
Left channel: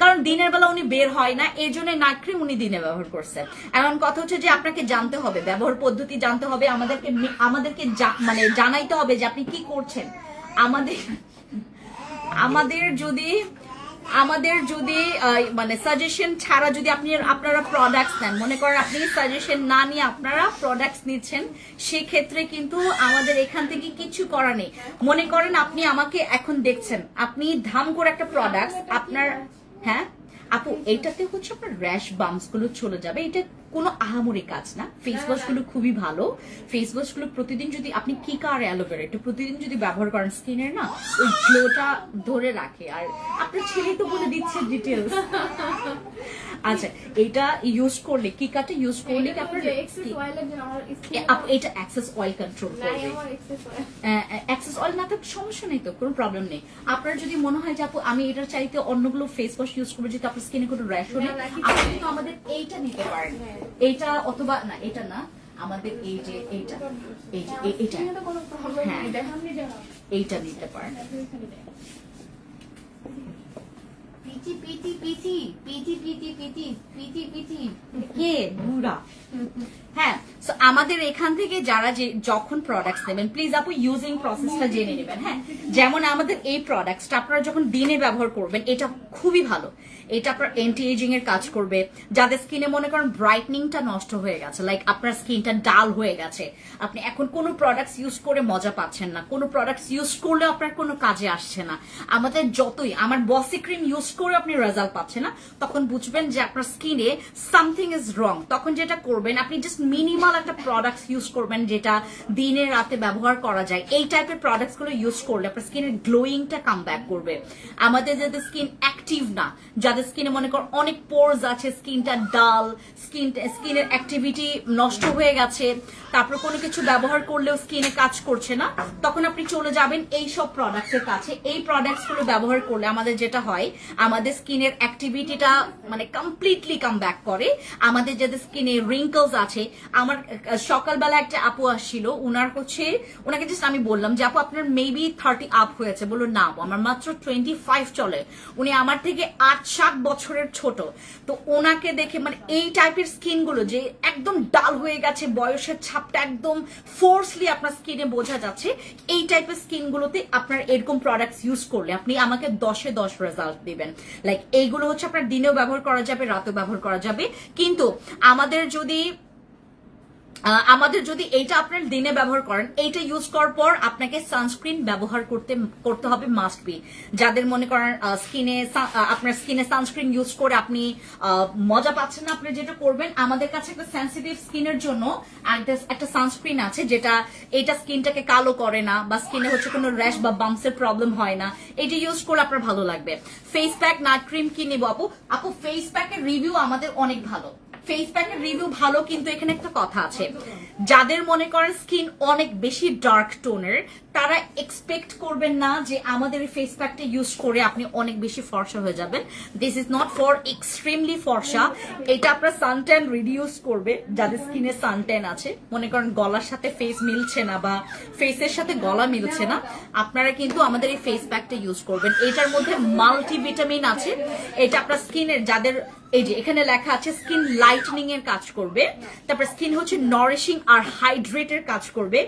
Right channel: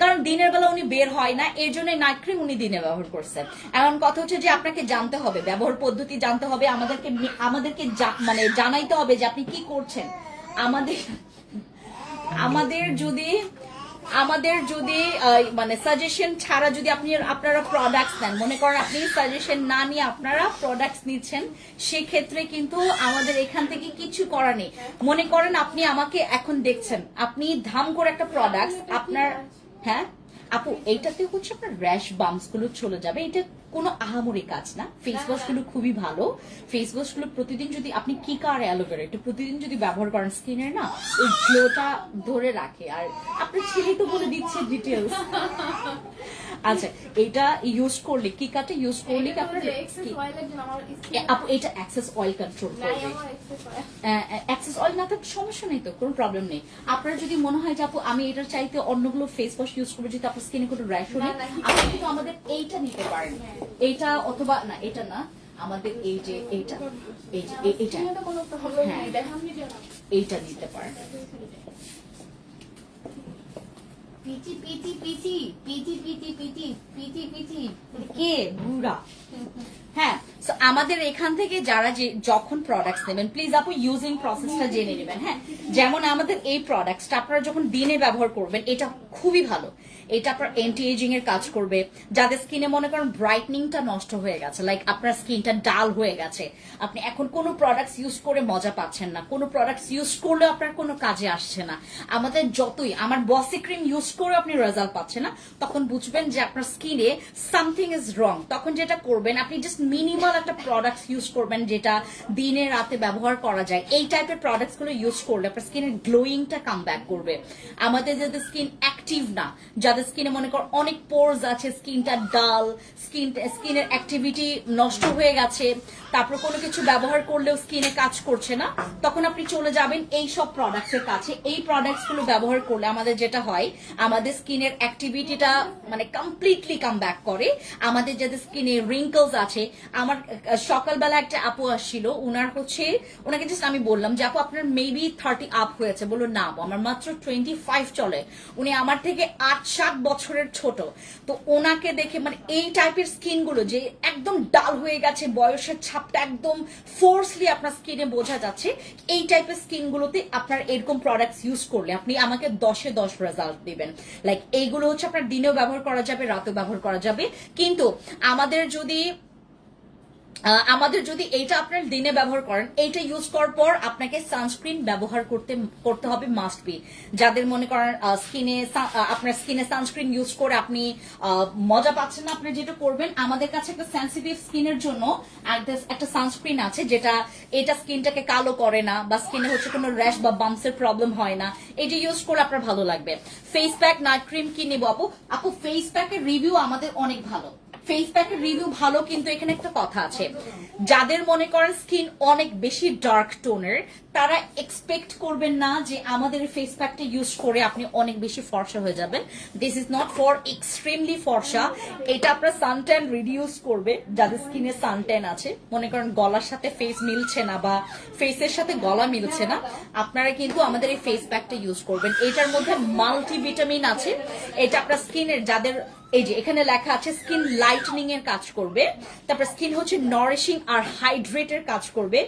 কারণ দিনের বেলা উনি বের হয় না, এই জন্য নাইট ক্রিম উনি দিনে ব্যবহার করছে। এখন কথা হচ্ছে যে আপনাকে জানতে হবে, ব্যবহার পদ্ধতি জানতে হবে, আমাদেরকে মানে জানাইতে হবে যে আপনি কি করছেন। আমাদের যদি মানে সাজেশন ছাড়া যদি আপনারা প্রোডাক্টস নেন, মনে করেন আপনি সাজেশন না নিয়ে আপনারা প্রোডাক্টস নিচ্ছেন, সেক্ষেত্রে কিন্তু আমাদের এখান থেকে কিছু করা নেই। মনে করেন আপনি আমাকে এখন দেখছেন, আপনি ধাম করে একটা প্রোডাক্ট আপনার, হ্যাঁ আপু এইটাতে হচ্ছে আপনার র্যাশ বাম্পস গুলো চলে যাবে, এটা কোনো আহামরি কাজ না। ফেস ওয়াশ গুলো খুবই ভালো, ফেস ওয়াশ গুলো প্রতিদিন যদি আপনি কিকা আর অ্যালোভেরা এটা প্রতিদিন যদি ব্যবহার করেন, স্কিনের না ওই গ্লোটা ধরে রাখে। আর আপনার ছেলে তো বলে দিচ্ছে ডিটেলস। আচ্ছা এটা ইউজ করলে, কিকাটা ইউজ করলে আপনার এটা এক্সেস অয়েল কন্ট্রোল করবে। এক্সেস অয়েল না থাকলে সমস্যা নেই তো, কোনো প্রবলেম নেই। আপনার যদি মনে হয় যে আপু আমি এটার চাইতে অন্যগুলো ফেস ওয়াশ ইউজ করবো যেহেতু আপনার স্কিনে কোনো র্যাশ নেই, আপনি কিন্তু আমাদের এইটা নিতে পারেন, এইটা অথবা না এটা না, আমাদের এই যে এইটা হ্যাঁ এইটা নিতে পারেন। কে বুড়া? হ্যাঁ আমাদের এখান থেকে যারা যখন প্রোডাক্টস নেবেন প্লিজ আপু ইউজিং প্রসেসটা জেনে নেবেন। হ্যাঁ যেমন আমাদের এই প্রোডাক্টসটা আপনারা যখন দিনে ব্যবহার করবেন, এটা খুবই ভালো, এটা আপনার এন্টি এজিং এর কাজ করবে। যাদের স্কিনে মনে করেন ব্রাইটনিংটা নষ্ট হয়ে গেছে, লাইক আপনার স্কিনটা ডাল হয়ে গেছে, আপনি এখন কোনো প্রোডাক্টস ইউজ করে মজা পাচ্ছেন না, কোনো প্রোডাক্টস ইউজ করলে আপনার কোনো কাজে আসছে না, আমাদের যতই আমার বসি ক্রিম ইউজ করে আপনি রেজাল্ট পাচ্ছেন না, তখন বুঝবেন যে আপনার স্কিনে সামথিং ইজ রং। তখন যেটা করবেন আপনি জাস্ট মিনিমাল একটা প্রোডাক্টস ইউজ করবেন যেটা দিনে রাতে ব্যবহার করা যায়। এই টাইপের প্রোডাক্টস গুলো ইউজ করলে আপনার স্কিনের গ্লোয়িংটা কাম ব্যাক করবে। আমাদের যাদের স্কিন অ্যাক্টিভ না, যাদের স্কিনে মনে কর অনেক পোরস আছে, স্কিনটা ডাল, স্কিনের অ্যাক্টিভিটি নষ্ট হয়ে গেছে, তারপর কোনো কিছু ব্যবহার করলেও স্কিনে কাজ করছে না, তখন আপনি চলে যাবেন এই সব প্রোডাক্টস এর কাছে। এই প্রোডাক্টস গুলো ব্যবহার করলে আমাদের যেটা হয়, আমাদের স্কিনের অ্যাক্টিভিটিটা মানে কমপ্লিটলি কাম ব্যাক করে। আমাদের যাদের স্কিনে রিঙ্কলস আছে, আমার সকালবেলা একটা আপু আসছিল, ওনাকে জাস্ট আমি বললাম যে আপু আপনার মেবি 30 আপ হয়েছে, বললো না আমার মাত্র 25 চলে। উনি আমার থেকে 8 7 বছরের ছোট, তো ওনাকে দেখে মানে এই টাইপের স্কিন গুলো যে একদম ডাল হয়ে গেছে, বয়সের ছাপটা একদম ফোর্সলি আপনার স্কিনে বোঝা যাচ্ছে, এই টাইপের স্কিন গুলোতে আপনার এরকম প্রোডাক্টস ইউজ করলে আপনি আমাকে 10-এ 10 রেজাল্ট দিবেন। লাইক এইগুলো হচ্ছে আপনার দিনেও ব্যবহার করা যাবে, রাতেও ব্যবহার করা যাবে, কিন্তু আমাদের যদি এইটা আপনার দিনে ব্যবহার করেন, এইটা ইউজ করার পর আপনাকে সানস্ক্রিন ব্যবহার করতে হবে, মাস্ট বি। যাদের মনে করেন আপনার স্কিনে সানস্ক্রিন ইউজ করে আপনি মজা পাচ্ছেন না, আপনি যেটা করবেন, আমাদের কাছে একটা সেনসিটিভ স্কিনের জন্য একটা সানস্ক্রিন আছে, যেটা এটা স্কিনটাকে কালো করে না, বা স্কিনে হচ্ছে কোনো র্যাশ বা বাম্পসের প্রবলেম হয় না, এটা ইউজ করলে আপনার ভালো লাগবে। ফেস প্যাক, নাইট ক্রিম কি নেবো আপু? ফেস প্যাকের রিভিউ আমাদের অনেক ভালো, ফেস প্যাকের রিভিউ ভালো, কিন্তু এখানে একটা কথা আছে, যাদের মনে করেন স্কিন অনেক বেশি ডার্ক টোনের, তারা এক্সপেক্ট করবেন না যে আমাদের ফেস প্যাকটা ইউজ করে আপনি অনেক বেশি ফর্সা হয়ে যাবেন। This is not for extremely ফর্সা, এটা আপনার সানট্যান রিডিউস করবে। যাদের স্কিনে সানট্যান আছে, মনে করেন গলার সাথে ফেস মিলছে না বা ফেসের সাথে গলা মিলছে না, আপনারা কিন্তু আমাদের এই ফেস প্যাকটা ইউজ করবেন। এটার মধ্যে মাল্টিভিটামিন আছে, এটা আপনার স্কিনের যাদের এই যে এখানে লেখা আছে স্কিন লাইটনিং এর কাজ করবে, তারপর স্কিন হচ্ছে নারিশিং আর হাইড্রেটের কাজ করবে,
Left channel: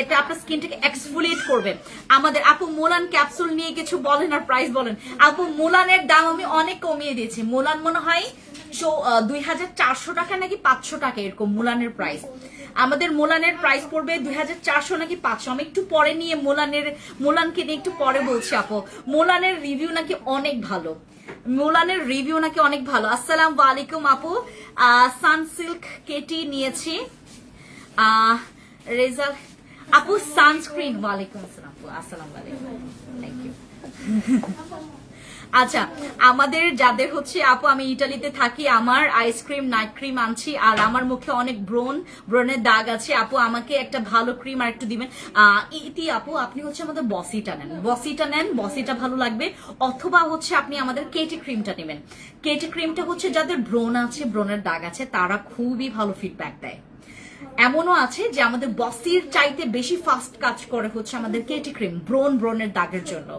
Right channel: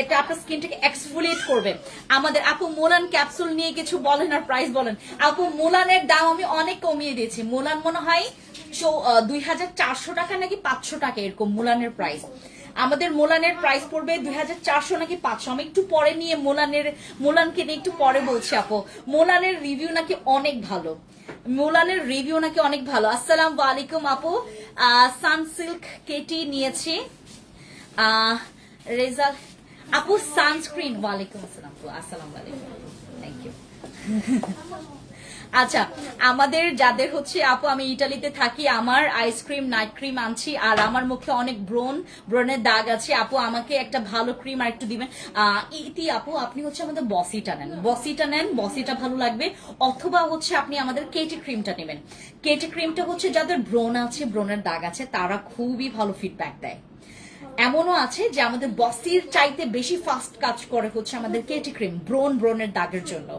এটা আপনার স্কিনটাকে এক্সফোলিয়েট করবে। আমাদের আপু মোলান ক্যাপসুল নিয়ে কিছু বলেন আর প্রাইস বলেন। আপু মোলানের দাম আমি অনেক কমিয়ে দিয়েছি, মোলান মনে হয় 2400 টাকা নাকি 500 টাকা এরকম মোলানের প্রাইস। আমাদের মোলানের প্রাইস পড়বে 2400 নাকি 500, আমি একটু পরে নিয়ে মোলানকে নিয়ে একটু পরে বলছি আপু। মোলানের রিভিউ নাকি অনেক ভালো, মোলানের রিভিউ নাকি অনেক ভালো। আসসালামু আলাইকুম আপু, সানসিল্ক কেটি নিয়েছি, রেজাল্ট আপু সানস্ক্রিন। ওয়ালাইকুম আসসালাম, আসসালামু আলাইকুম, থ্যাংক ইউ। আচ্ছা, আমাদের যাদের হচ্ছে আপু, আমি ইটালিতে থাকি, আমার আইসক্রিম নাইট ক্রিম আনছি, আর আমার মুখে অনেক ব্রণের দাগ আছে আপু, আমাকে একটা ভালো ক্রিম আর একটু দিবেন। ইতি আপু, আপনি হচ্ছে আমাদের বসিটা নেন, বসিটা ভালো লাগবে, অথবা হচ্ছে আপনি আমাদের কেটি ক্রিমটা নেবেন। কেটি ক্রিমটা হচ্ছে যাদের ব্রণ আছে, ব্রণের দাগ আছে, তারা খুবই ভালো ফিডব্যাক দেয়। এমনও আছে যে আমাদের বসির চাইতে বেশি ফাস্ট কাজ করে হচ্ছে আমাদের কেটি ক্রিম ব্রণের দাগের জন্য।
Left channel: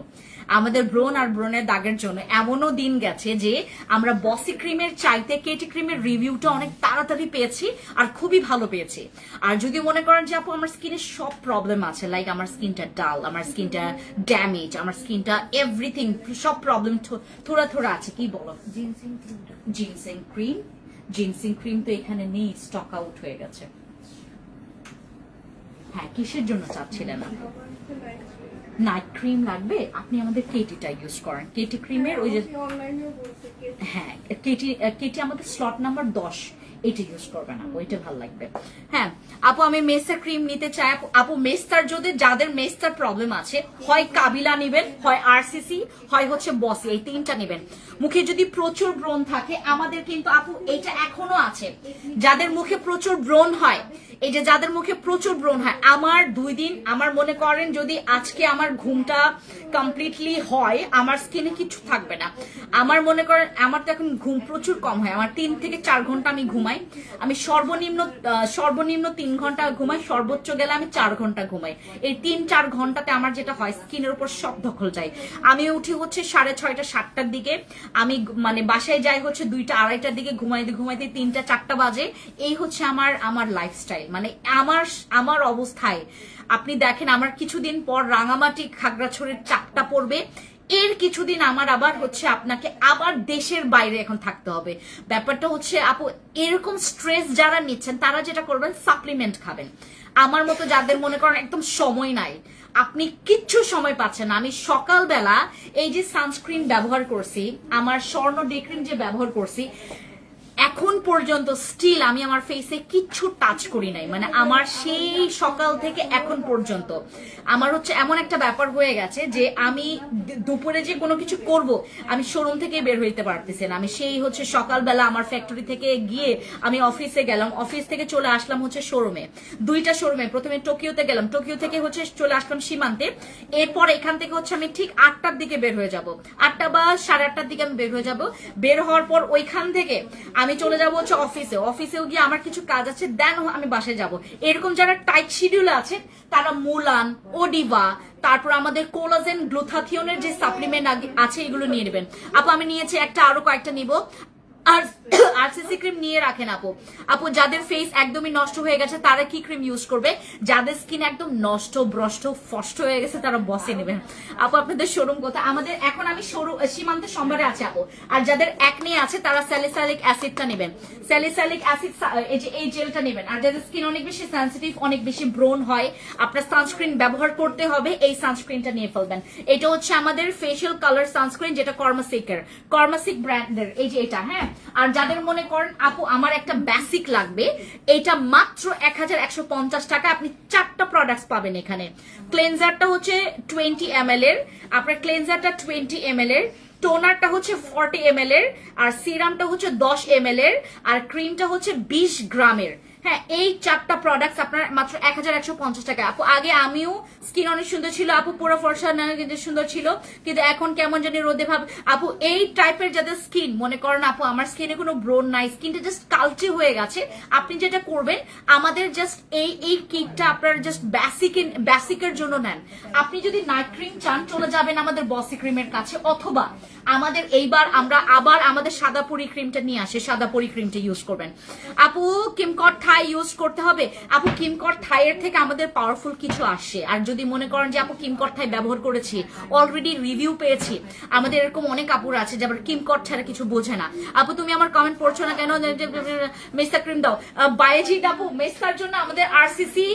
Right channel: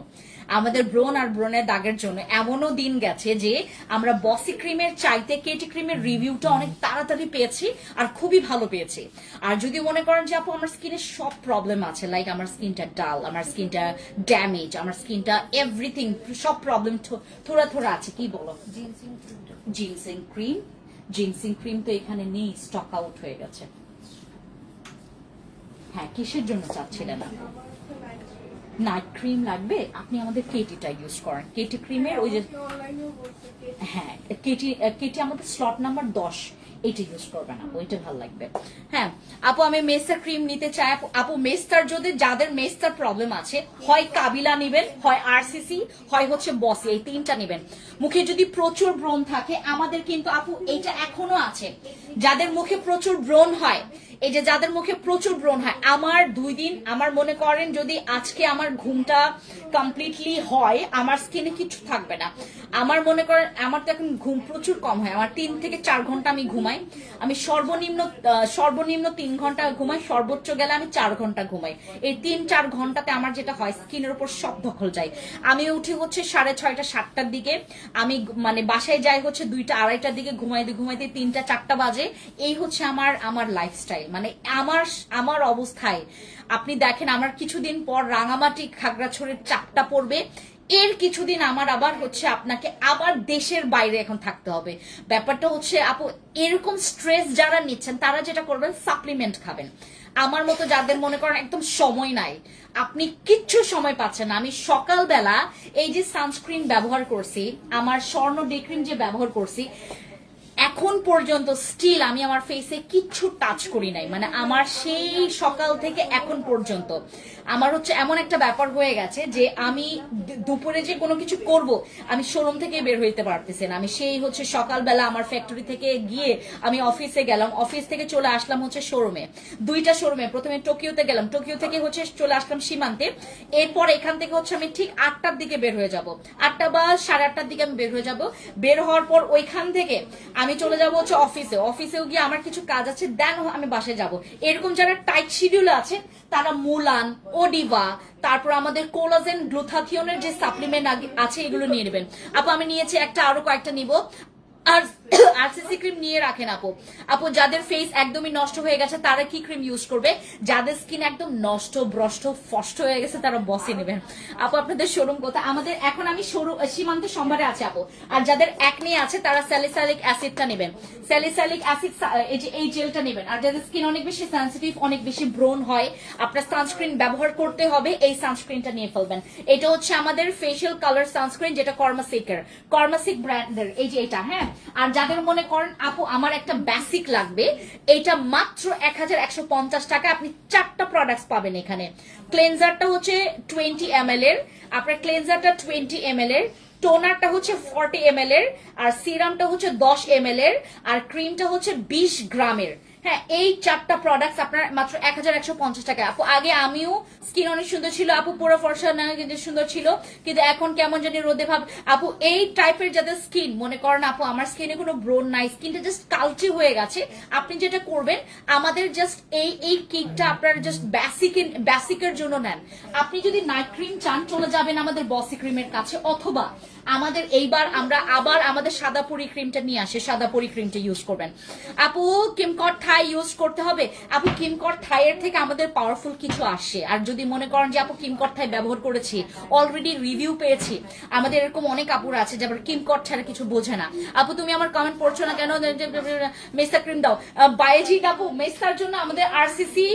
আমাদের ব্রণ আর ব্রণের দাগের জন্য এমনও দিন গেছে যে আমরা বসি ক্রিমের চাইতে কেটি ক্রিমের রিভিউটা অনেক তাড়াতাড়ি পেয়েছি আর খুবই ভালো পেয়েছি। আর যদি মনে করেন যে আপু আমার স্কিনে সব প্রবলেম আছে, লাইক আমার স্কিনটা ডাল, আমার স্কিনটা ড্যামেজ, আমার স্কিনটা এভরিথিং, সব প্রবলেম থোড়া আছে, কি বলো? জিনসিং ক্রিম তো এখানে নেই, স্টক আউট হয়ে গেছে। হ্যাঁ, কিসের জন্য চাচ্ছিলেন আপু? নাইট ক্রিম লাগবে, আপনি আমাদের কেটিটা ইউজ করেন, কেটি ক্রিমের ওই যে, হ্যাঁ কেটি আমাদের স্লট নাম্বার 10, এটা ইউজ করবেন আপু, এটা ভালো লাগবে। হ্যাঁ আপু, আমি মেস্টার ক্রিম নিতে চাই আপু। মেস্টার যাদের মেস্টার প্রবলেম আছে, হয় কাবিলা নিবেন, হয় আরসিসি, হয় হচ্ছে বসি, এই 3টা নেবেন। মুখে যদি প্রচুর ব্রণ থাকে, আমাদের কিন্তু আপু এইটা এখনো আছে, যাদের মুখে প্রচুর ব্রণ হয়, এই যে যাদের মুখে প্রচুর ব্রণ হয়, আমার 2 দিন, আমার মনে করেন যদি আজকে আমার ঘুমটা কমপ্লিটলি হয়, আমার স্কিনে কিছু থাকবে না। আমার মনে করেন আমার তো এখন ঘুম প্রচুর কম হয়, আমার 3 থেকে 4 ঘন্টা আমি ঘুমাই, আমি সর্বনিম্ন 3 ঘন্টা ঘুমাই, সর্বোচ্চ গেলে আমি 4 ঘন্টা ঘুমাই। এই 3-4 ঘন্টাতে আমার যেটা হয়, স্কিনের উপর সব দখল যায়। আমি উঠি হচ্ছে 6:30 7টার দিকে, আমি মানে বাসায় যাই হচ্ছে 2টা 2:30টার দিকে, ঘুমাইতে 3টা 4টা বাজে। এই হচ্ছে আমার লাইফস্টাইল, মানে আমার অবস্থায় আপনি দেখেন, আমার কিছুদিন পর রাঙামাটি খাগড়াছড়ির চাপটা পড়বে, এর কিছুদিন আমার আবার হচ্ছে আপনাকে আবার দেশের বাইরে এখন থাকতে হবে। ব্যাপারটা হচ্ছে আপু, এরকম স্ট্রেস যারা নিচ্ছেন, তারা যেটা করবেন, সাপ্লিমেন্ট খাবেন। আমার মতো যাদের মনে করেন একদম সময় নাই, আপনি কিচ্ছু সময় পাচ্ছেন না, আমি সকালবেলা এই যে সানস্ক্রিন ব্যবহার করছি, আমার স্বর্ণ ডে ক্রিম যে ব্যবহার করছি, এখন পর্যন্ত স্টিল আমি আমার ফেসে কিচ্ছু টাচ করি নাই, মানে আমার সেই সকাল থেকে এখন পর্যন্ত আমার হচ্ছে এমন একটা ব্যাপার হয়ে গেছে যে আমি দুপুরে যে কোনো কিছু করব, আমি শোরুম থেকে বের হইতে পারতেছি না। আমি সেই হচ্ছে সকালবেলা আমার ফ্যাক্টরি থেকে গিয়ে আমি অফিসে গেলাম, অফিস থেকে চলে আসলাম হচ্ছে শোরুমে, 2টা শোরুমে, প্রথমে টোকিওতে গেলাম, টোকিও থেকে হচ্ছে চলে আসলাম সীমান্তে, এরপর এখান থেকে হচ্ছে আমি ঠিক 8টার দিকে বের হয়ে যাব, 8টা বা 8:30টার দিকে আমি বের হয়ে যাব। বের হওয়ার পর ওইখান থেকে আমি আমি চলে যাবো হচ্ছে অফিসেও গিয়ে আমার কিছু কাজ আছে, দেন আমি বাসায় যাব। এরকম যারা টাইট শিডিউলে আছে তারা মুলান, ওডিভা, তারপর আমাদের কোলাজেন গ্লুথাথিয়নের যে সাপ্লিমেন্ট আছে এগুলো নিয়ে নেবেন আপু। আমি নিয়েছি একটা, আরো কয়েকটা নিব। আর আরসিসি ক্রিম নিয়ে রাখেন আপু যাদের ফেস একদমই নষ্ট হয়ে গেছে তারা কি ক্রিম ইউজ করবে, যাদের স্কিন একদম নষ্ট ব্রষ্ট ফষ্ট হয়ে গেছে তারা বসে নেবেন আপু। আপনাদের শোরুম কোথায়? আমাদের এখন আমি সীমান্ত সম্ভারে আছে আপু। আর যাদের একনে আছে তারা স্যালিসাইলিক অ্যাসিডটা নেবেন, স্যালিসাইলিক অ্যাসিড এই জেলটা নেবেন। আর যাদের স্কিন অনেক বেশি সেন্সিটিভ, অনেক বেশি ব্রোন হয়, আপনার সানস্ক্রিন ব্যবহার করতে হবে, এই সানস্ক্রিনটা নিয়ে ফেলবেন। এটা হচ্ছে আমাদের ফেশিয়াল কালার সানস্ক্রিন, যেটা কর্মাসিক ব্র্যান্ডের, এই যে এটা। হ্যাঁ, আর যাদের মনে করেন আপু আমার একটা বেসিক লাগবে, এটা মাত্র 1150 টাকা আপনি 4টা প্রোডাক্টস পাবেন এখানে। ক্লেনজারটা হচ্ছে 20 ml এর, আপনার ক্লেনজারটা 20 ml এর, টোনারটা হচ্ছে 40 ml এর, আর সিরামটা হচ্ছে 10 ml এর, আর ক্রিমটা হচ্ছে 20 গ্রামের। হ্যাঁ, এই 4টা প্রোডাক্টস আপনার মাত্র 1150 টাকা আপু। আগে আমিও স্কিন অনেক সুন্দর ছিল আপু, পুরো ফর্সা নানা কিন্তু সুন্দর ছিল, কিন্তু এখন কেমন জানি রোদে ভাব আপু। এই টাইপের যাদের স্কিন মনে করেন আপু আমার স্কিনে কোনো ব্রোন নাই, স্কিনটা জাস্ট কালচে হয়ে গেছে, আপনি যেটা করবেন আমাদের জাস্ট এই কিটটা আপনার জাস্ট বেসিকের জন্য নেন। আপনি যদি নাইট ক্রিম চান চলে যাবেন আমাদের বসি ক্রিমের কাছে, অথবা আমাদের এইবার আমরা আবার আমাদের সাদাপুরি ক্রিমটা নিয়ে আসে, সাদাপুরি ক্রিমটা ইউজ করবেন আপু। কিমকট থাই ইউজ করতে হবে আপু, কিমকট থাই এর থেকে আমাদের পাওয়ারফুল কিছু আসে। আর যদি মনে করেন যে আপু কিমকট থাই ব্যবহার করেছি, অলরেডি রিভিউ পেয়েছি, আমাদের এরকম অনেক আপুর আছে যারা কিমকট ছাড়া কিছু বোঝে না। আপু তুমি আমার কমেন্ট পড়ছো না কেন, মেসা ক্রিম দাও। বাইজিড আপু মেসার জন্য আমাদের আরসিসি,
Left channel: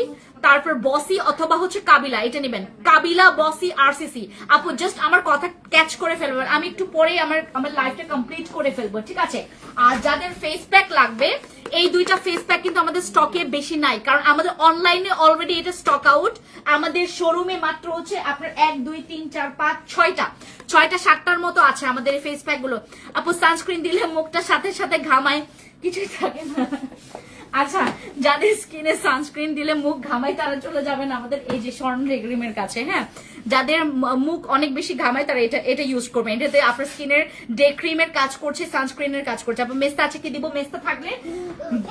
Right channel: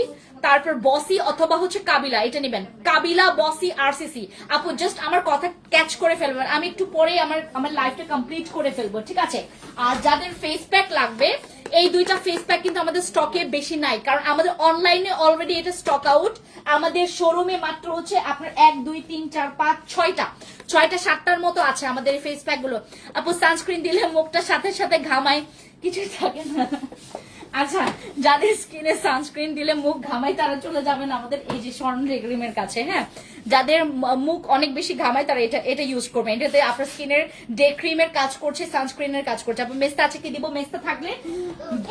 তারপর বসি অথবা হচ্ছে কাবিলা, এটা নেবেন, কাবিলা, বসি, আরসিসি আপু। জাস্ট আমার কথা ক্যাচ করে ফেলবেন, আমি একটু পরে আমার লাইফটা কমপ্লিট করে ফেলবো, ঠিক আছে। আর যাদের ফেস প্যাক লাগবে, এই 2টা ফেস প্যাক কিন্তু আমাদের স্টকে বেশি নাই, কারণ আমাদের অনলাইনে অলরেডি এটা স্টক আউট। আমাদের শোরুমে মাত্র হচ্ছে আপনার 1 2 3 4 5 6টা 7টার মতো আছে আমাদের এই ফেস প্যাক গুলো আপু। সানস্ক্রিন দিলে মুখটা সাথে সাথে ঘামায়, কিছুই থাকে না। আচ্ছা, যাদের স্কিনে সানস্ক্রিন দিলে মুখ ঘামায় তারা চলে যাবেন আমাদের এই যে স্বর্ণরেখা ক্রিমের কাছে। হ্যাঁ, যাদের মুখ অনেক বেশি ঘামায় তারা এটা ইউজ করবেন। এটাতে আপনার স্কিনের ডে ক্রিমের কাজ করছে, সানস্ক্রিনের কাজ করছে। আপনার মেস্তা আছে কি দিব? মেস্তা থাকলে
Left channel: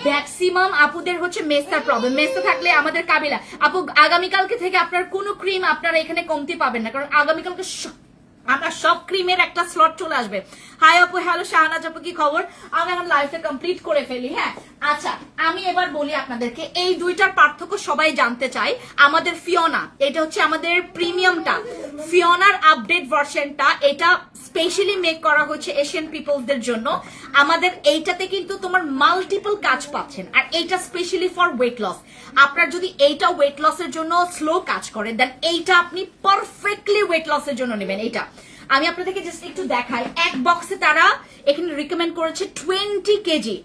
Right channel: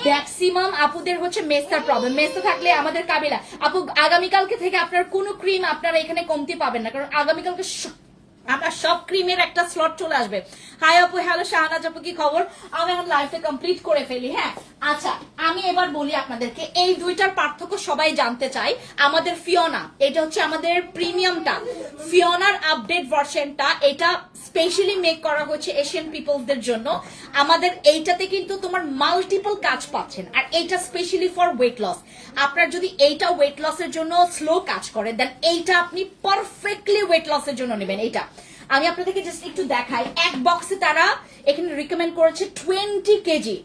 ম্যাক্সিমাম আপুদের হচ্ছে মেস্তার প্রবলেম, মেস্তা থাকলে আমাদের কাবিলা আপু। আগামীকালকে থেকে আপনার কোনো ক্রিম আপনারা এখানে কমতি পাবেন না, কারণ আগামীকালকে আমার সব ক্রিমের একটা স্লট চলে আসবে। হাই আপু, হ্যালো শাহানাজ আপু, কি খবর? আমি এখন লাইফে কমপ্লিট করে ফেলি। হ্যাঁ, আচ্ছা আমি এবার বলি আপনাদেরকে, এই 2টার পার্থক্য সবাই জানতে চাই। আমাদের ফিওনা, এটা হচ্ছে আমাদের প্রিমিয়ামটা, ফিওনার আপডেট ভার্সনটা, এটা স্পেশালি মেক করা হচ্ছে এশিয়ান পিপলসদের জন্য। আমাদের এইটাতে কিন্তু তোমার মাল্টিপল কাজ পাচ্ছেন, আর এইটা স্পেশালি ফর ওয়েট লস। আপনার যদি এইটা ওয়েট লসের জন্য স্লো কাজ করে, দেন এইটা আপনি পারফেক্টলি ওয়েট লসের জন্য নেবেন। এইটা আমি আপনাদেরকে জাস্ট একটু দেখাই। এক বক্সে তারা এখানে রিকমেন্ড করেছে 20 কেজি,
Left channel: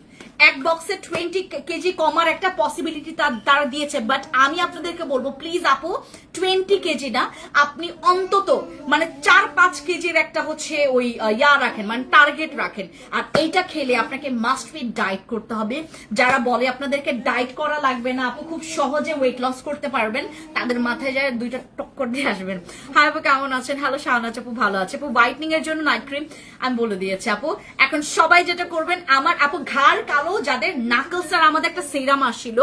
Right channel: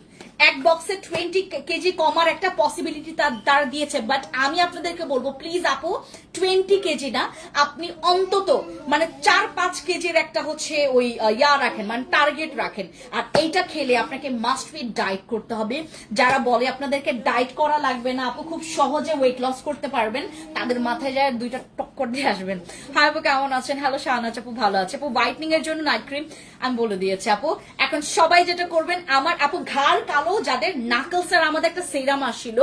এক বক্সে 20 কেজি কমার একটা পসিবিলিটি তারা দিয়েছে। বাট আমি আপনাদেরকে বলবো প্লিজ আপু 20 কেজি না, আপনি অন্তত মানে 4-5 কেজির একটা হচ্ছে ওই রাখেন, মানে টার্গেট রাখেন। আর এইটা খেলে আপনাকে মাস্ট বি ডায়েট করতে হবে। যারা বলে আপনাদেরকে ডায়েট করা লাগবে না আপু, খুব সহজে ওয়েট লস করতে পারবেন, তাদের মাথায় যায় 2টা টক্কর দিয়ে আসবেন। হাই আপু, কেমন আছেন? হ্যালো শাহানাজ আপু, ভালো আছে আপু। হোয়াইটনিং এর জন্য নাইট ক্রিম আমি বলে দিয়েছি আপু। এখন সবাই যেটা করবেন, আমার আপু ঘাড় কালো যাদের, নাকলসের আমাদের একটা সিরাম আসছিল,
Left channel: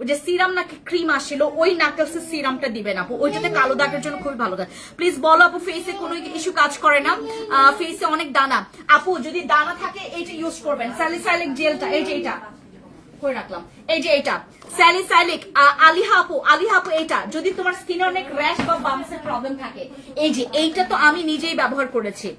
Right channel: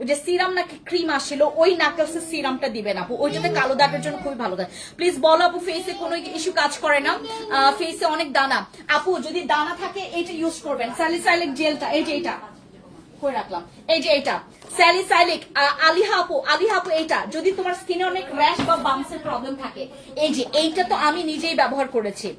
ওই যে সিরাম নাকি ক্রিম আসছিল, ওই নাকলসের সিরামটা দিবেন আপু, ওইটাতে কালো দাগের জন্য খুবই ভালো। প্লিজ বলো আপু, ফেসে কোনো ইস্যু কাজ করে না? ফেসে অনেক দানা আপু, যদি দানা থাকে এইটা ইউজ করবেন, স্যালিসাইলিক জেলটা, এই যে এটা করে রাখলাম, এই যে এটা স্যালিসাইলিক। আলিহা আপু এইটা যদি তোমার স্কিনে অনেক র্যাশ বা বাম্পসের প্রবলেম থাকে, এই যে এইটা তো আমি নিজেই ব্যবহার করেছি,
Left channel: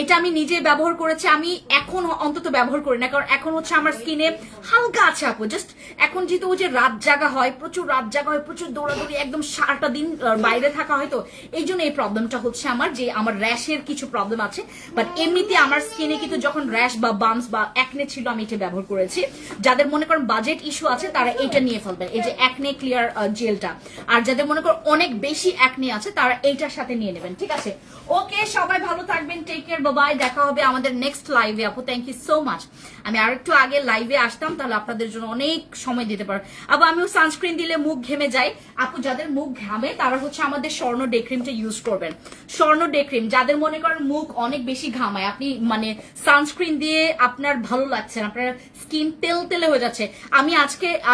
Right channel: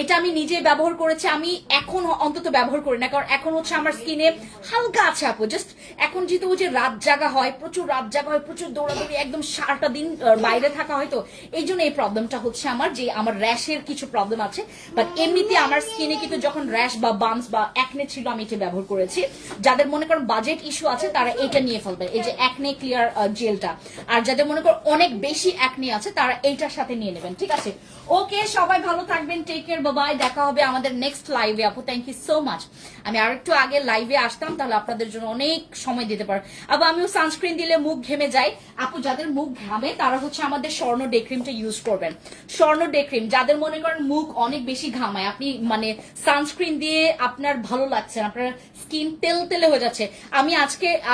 এটা আমি নিজে ব্যবহার করেছি। আমি এখন অন্তত ব্যবহার করি না, কারণ এখন হচ্ছে আমার স্কিনে হালকা আছে আপু। জাস্ট এখন যেহেতু ওই যে রাত জাগা হয়, প্রচুর রাত জাগা হয়, প্রচুর দৌড়াদৌড়ি, একদম সারাটা দিন বাইরে থাকা হয়, তো এই জন্য এই প্রবলেমটা হচ্ছে আমার, যে আমার র্যাশের কিছু প্রবলেম আছে। বাট এমনিতে আমার স্কিনে কিন্তু যখন র্যাশ বা বাম্পস বা অ্যাকনে ছিল আমি এটা ব্যবহার করেছি। যাদের মনে করেন বাজেট ইস্যু আছে তারা এটা নিয়ে ফেলবেন, এই যে অ্যাকনে ক্লিয়ার জেলটা। আর যাদের মনে করেন অনেক বেশি অ্যাকনে আছে তারা এইটার সাথে নিয়ে নেবেন, ঠিক আছে? ওকে, সবাই ভালো থাকবেন, টেক কেয়ার। Care, by. দেখা হবে আমাদের নেক্সট লাইভে আপু। Thank you so much. আমি আরেকটু আগে লাইভে আসতাম, তাহলে আপনাদের জন্য অনেক সময় দিতে পারবো। আপু আমিও সানস্ক্রিন দিলে মুখ ঘেমে যায়। আপু যাদের মুখ ঘামে তারা হচ্ছে আমাদের স্বর্ণ ডে ক্রিমটা ইউজ করবেন। স্বর্ণ ডে ক্রিম যাদের মনে করেন মুখ অনেক বেশি ঘামায়, আপনি মানে সানস্ক্রিন দিয়ে আপনার ভালো লাগছে না, আপনার স্কিন তেল তেলে হয়ে যাচ্ছে, আমি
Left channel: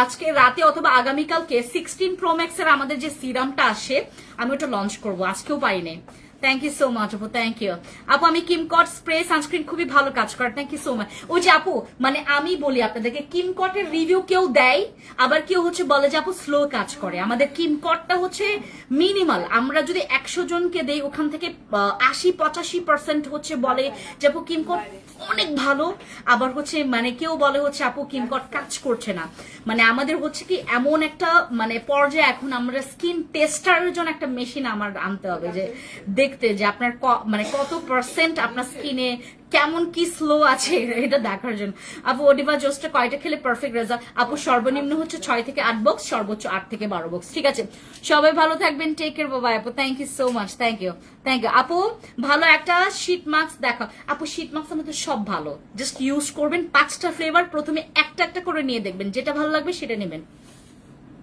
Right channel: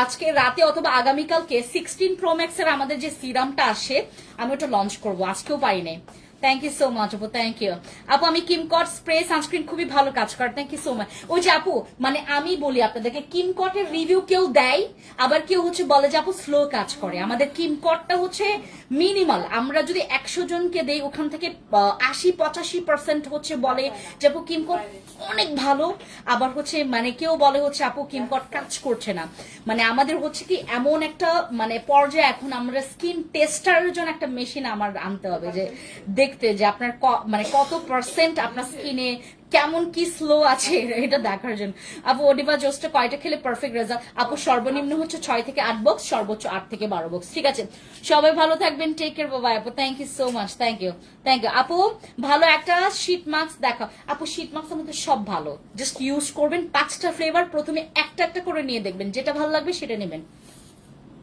আজকে রাতে অথবা আগামীকালকে 16 Pro Max এর আমাদের যে সিরামটা আসে আমি ওটা লঞ্চ করবো, আজকেও পাইনি। থ্যাংক ইউ সো মাচ আপু, থ্যাংক ইউ আপু। আমি কিমকট স্প্রে সানস্ক্রিন খুবই ভালো কাজ করে, থ্যাংক ইউ সো মাচ। ওই যে আপু মানে আমি বলি আপনাদেরকে, কিমকটের রিভিউ কেউ দেয়, আবার কেউ হচ্ছে বলে যে আপু স্লো কাজ করে। আমাদের কিমকটটা হচ্ছে মিনিমাল, আমরা যদি 100 জনকে দেই ওখান থেকে 80-85% হচ্ছে বলে যে আপু কিমকট অনেক ভালো, আবার হচ্ছে মানে কেউ বলে হচ্ছে আপু কিমকট কাজ করছে না। মানে আমাদের হচ্ছে কি এমন একটা মানে পর্যায়ে এখন আমরা স্কিন টেস্টারের জন্য একটা মেশিন আমার আনতে হবে, যে দেখতে যে আপনার মানে কত % আপনার স্কিনে কেমন কি স্লো আছে এটা দেখার জন্য। আপু ওডিভা জোসটা কয়টা খেলে পারফেক্ট রেজাল্ট? আপু সর্বনিম্ন হচ্ছে 6 থেকে 8 বক্স, সর্বোচ্চ 8 থেকে 12 বক্স। ঠিক আছে, সবাই ভালো থাকবেন, টেক কেয়ার, বাই আপু। Thank you so much, thank you আপু। ভালো একটা শীট মাস্ক দেখাও আপু। শীট মাস্ক আমাদের সব ভালো, জাস্ট ইউজ করবেন 5টা ফ্লেভার, প্রথমে একটা একটা করে নিয়ে দেখবেন, যেটা ভালো লাগবে সেটা নেবেন।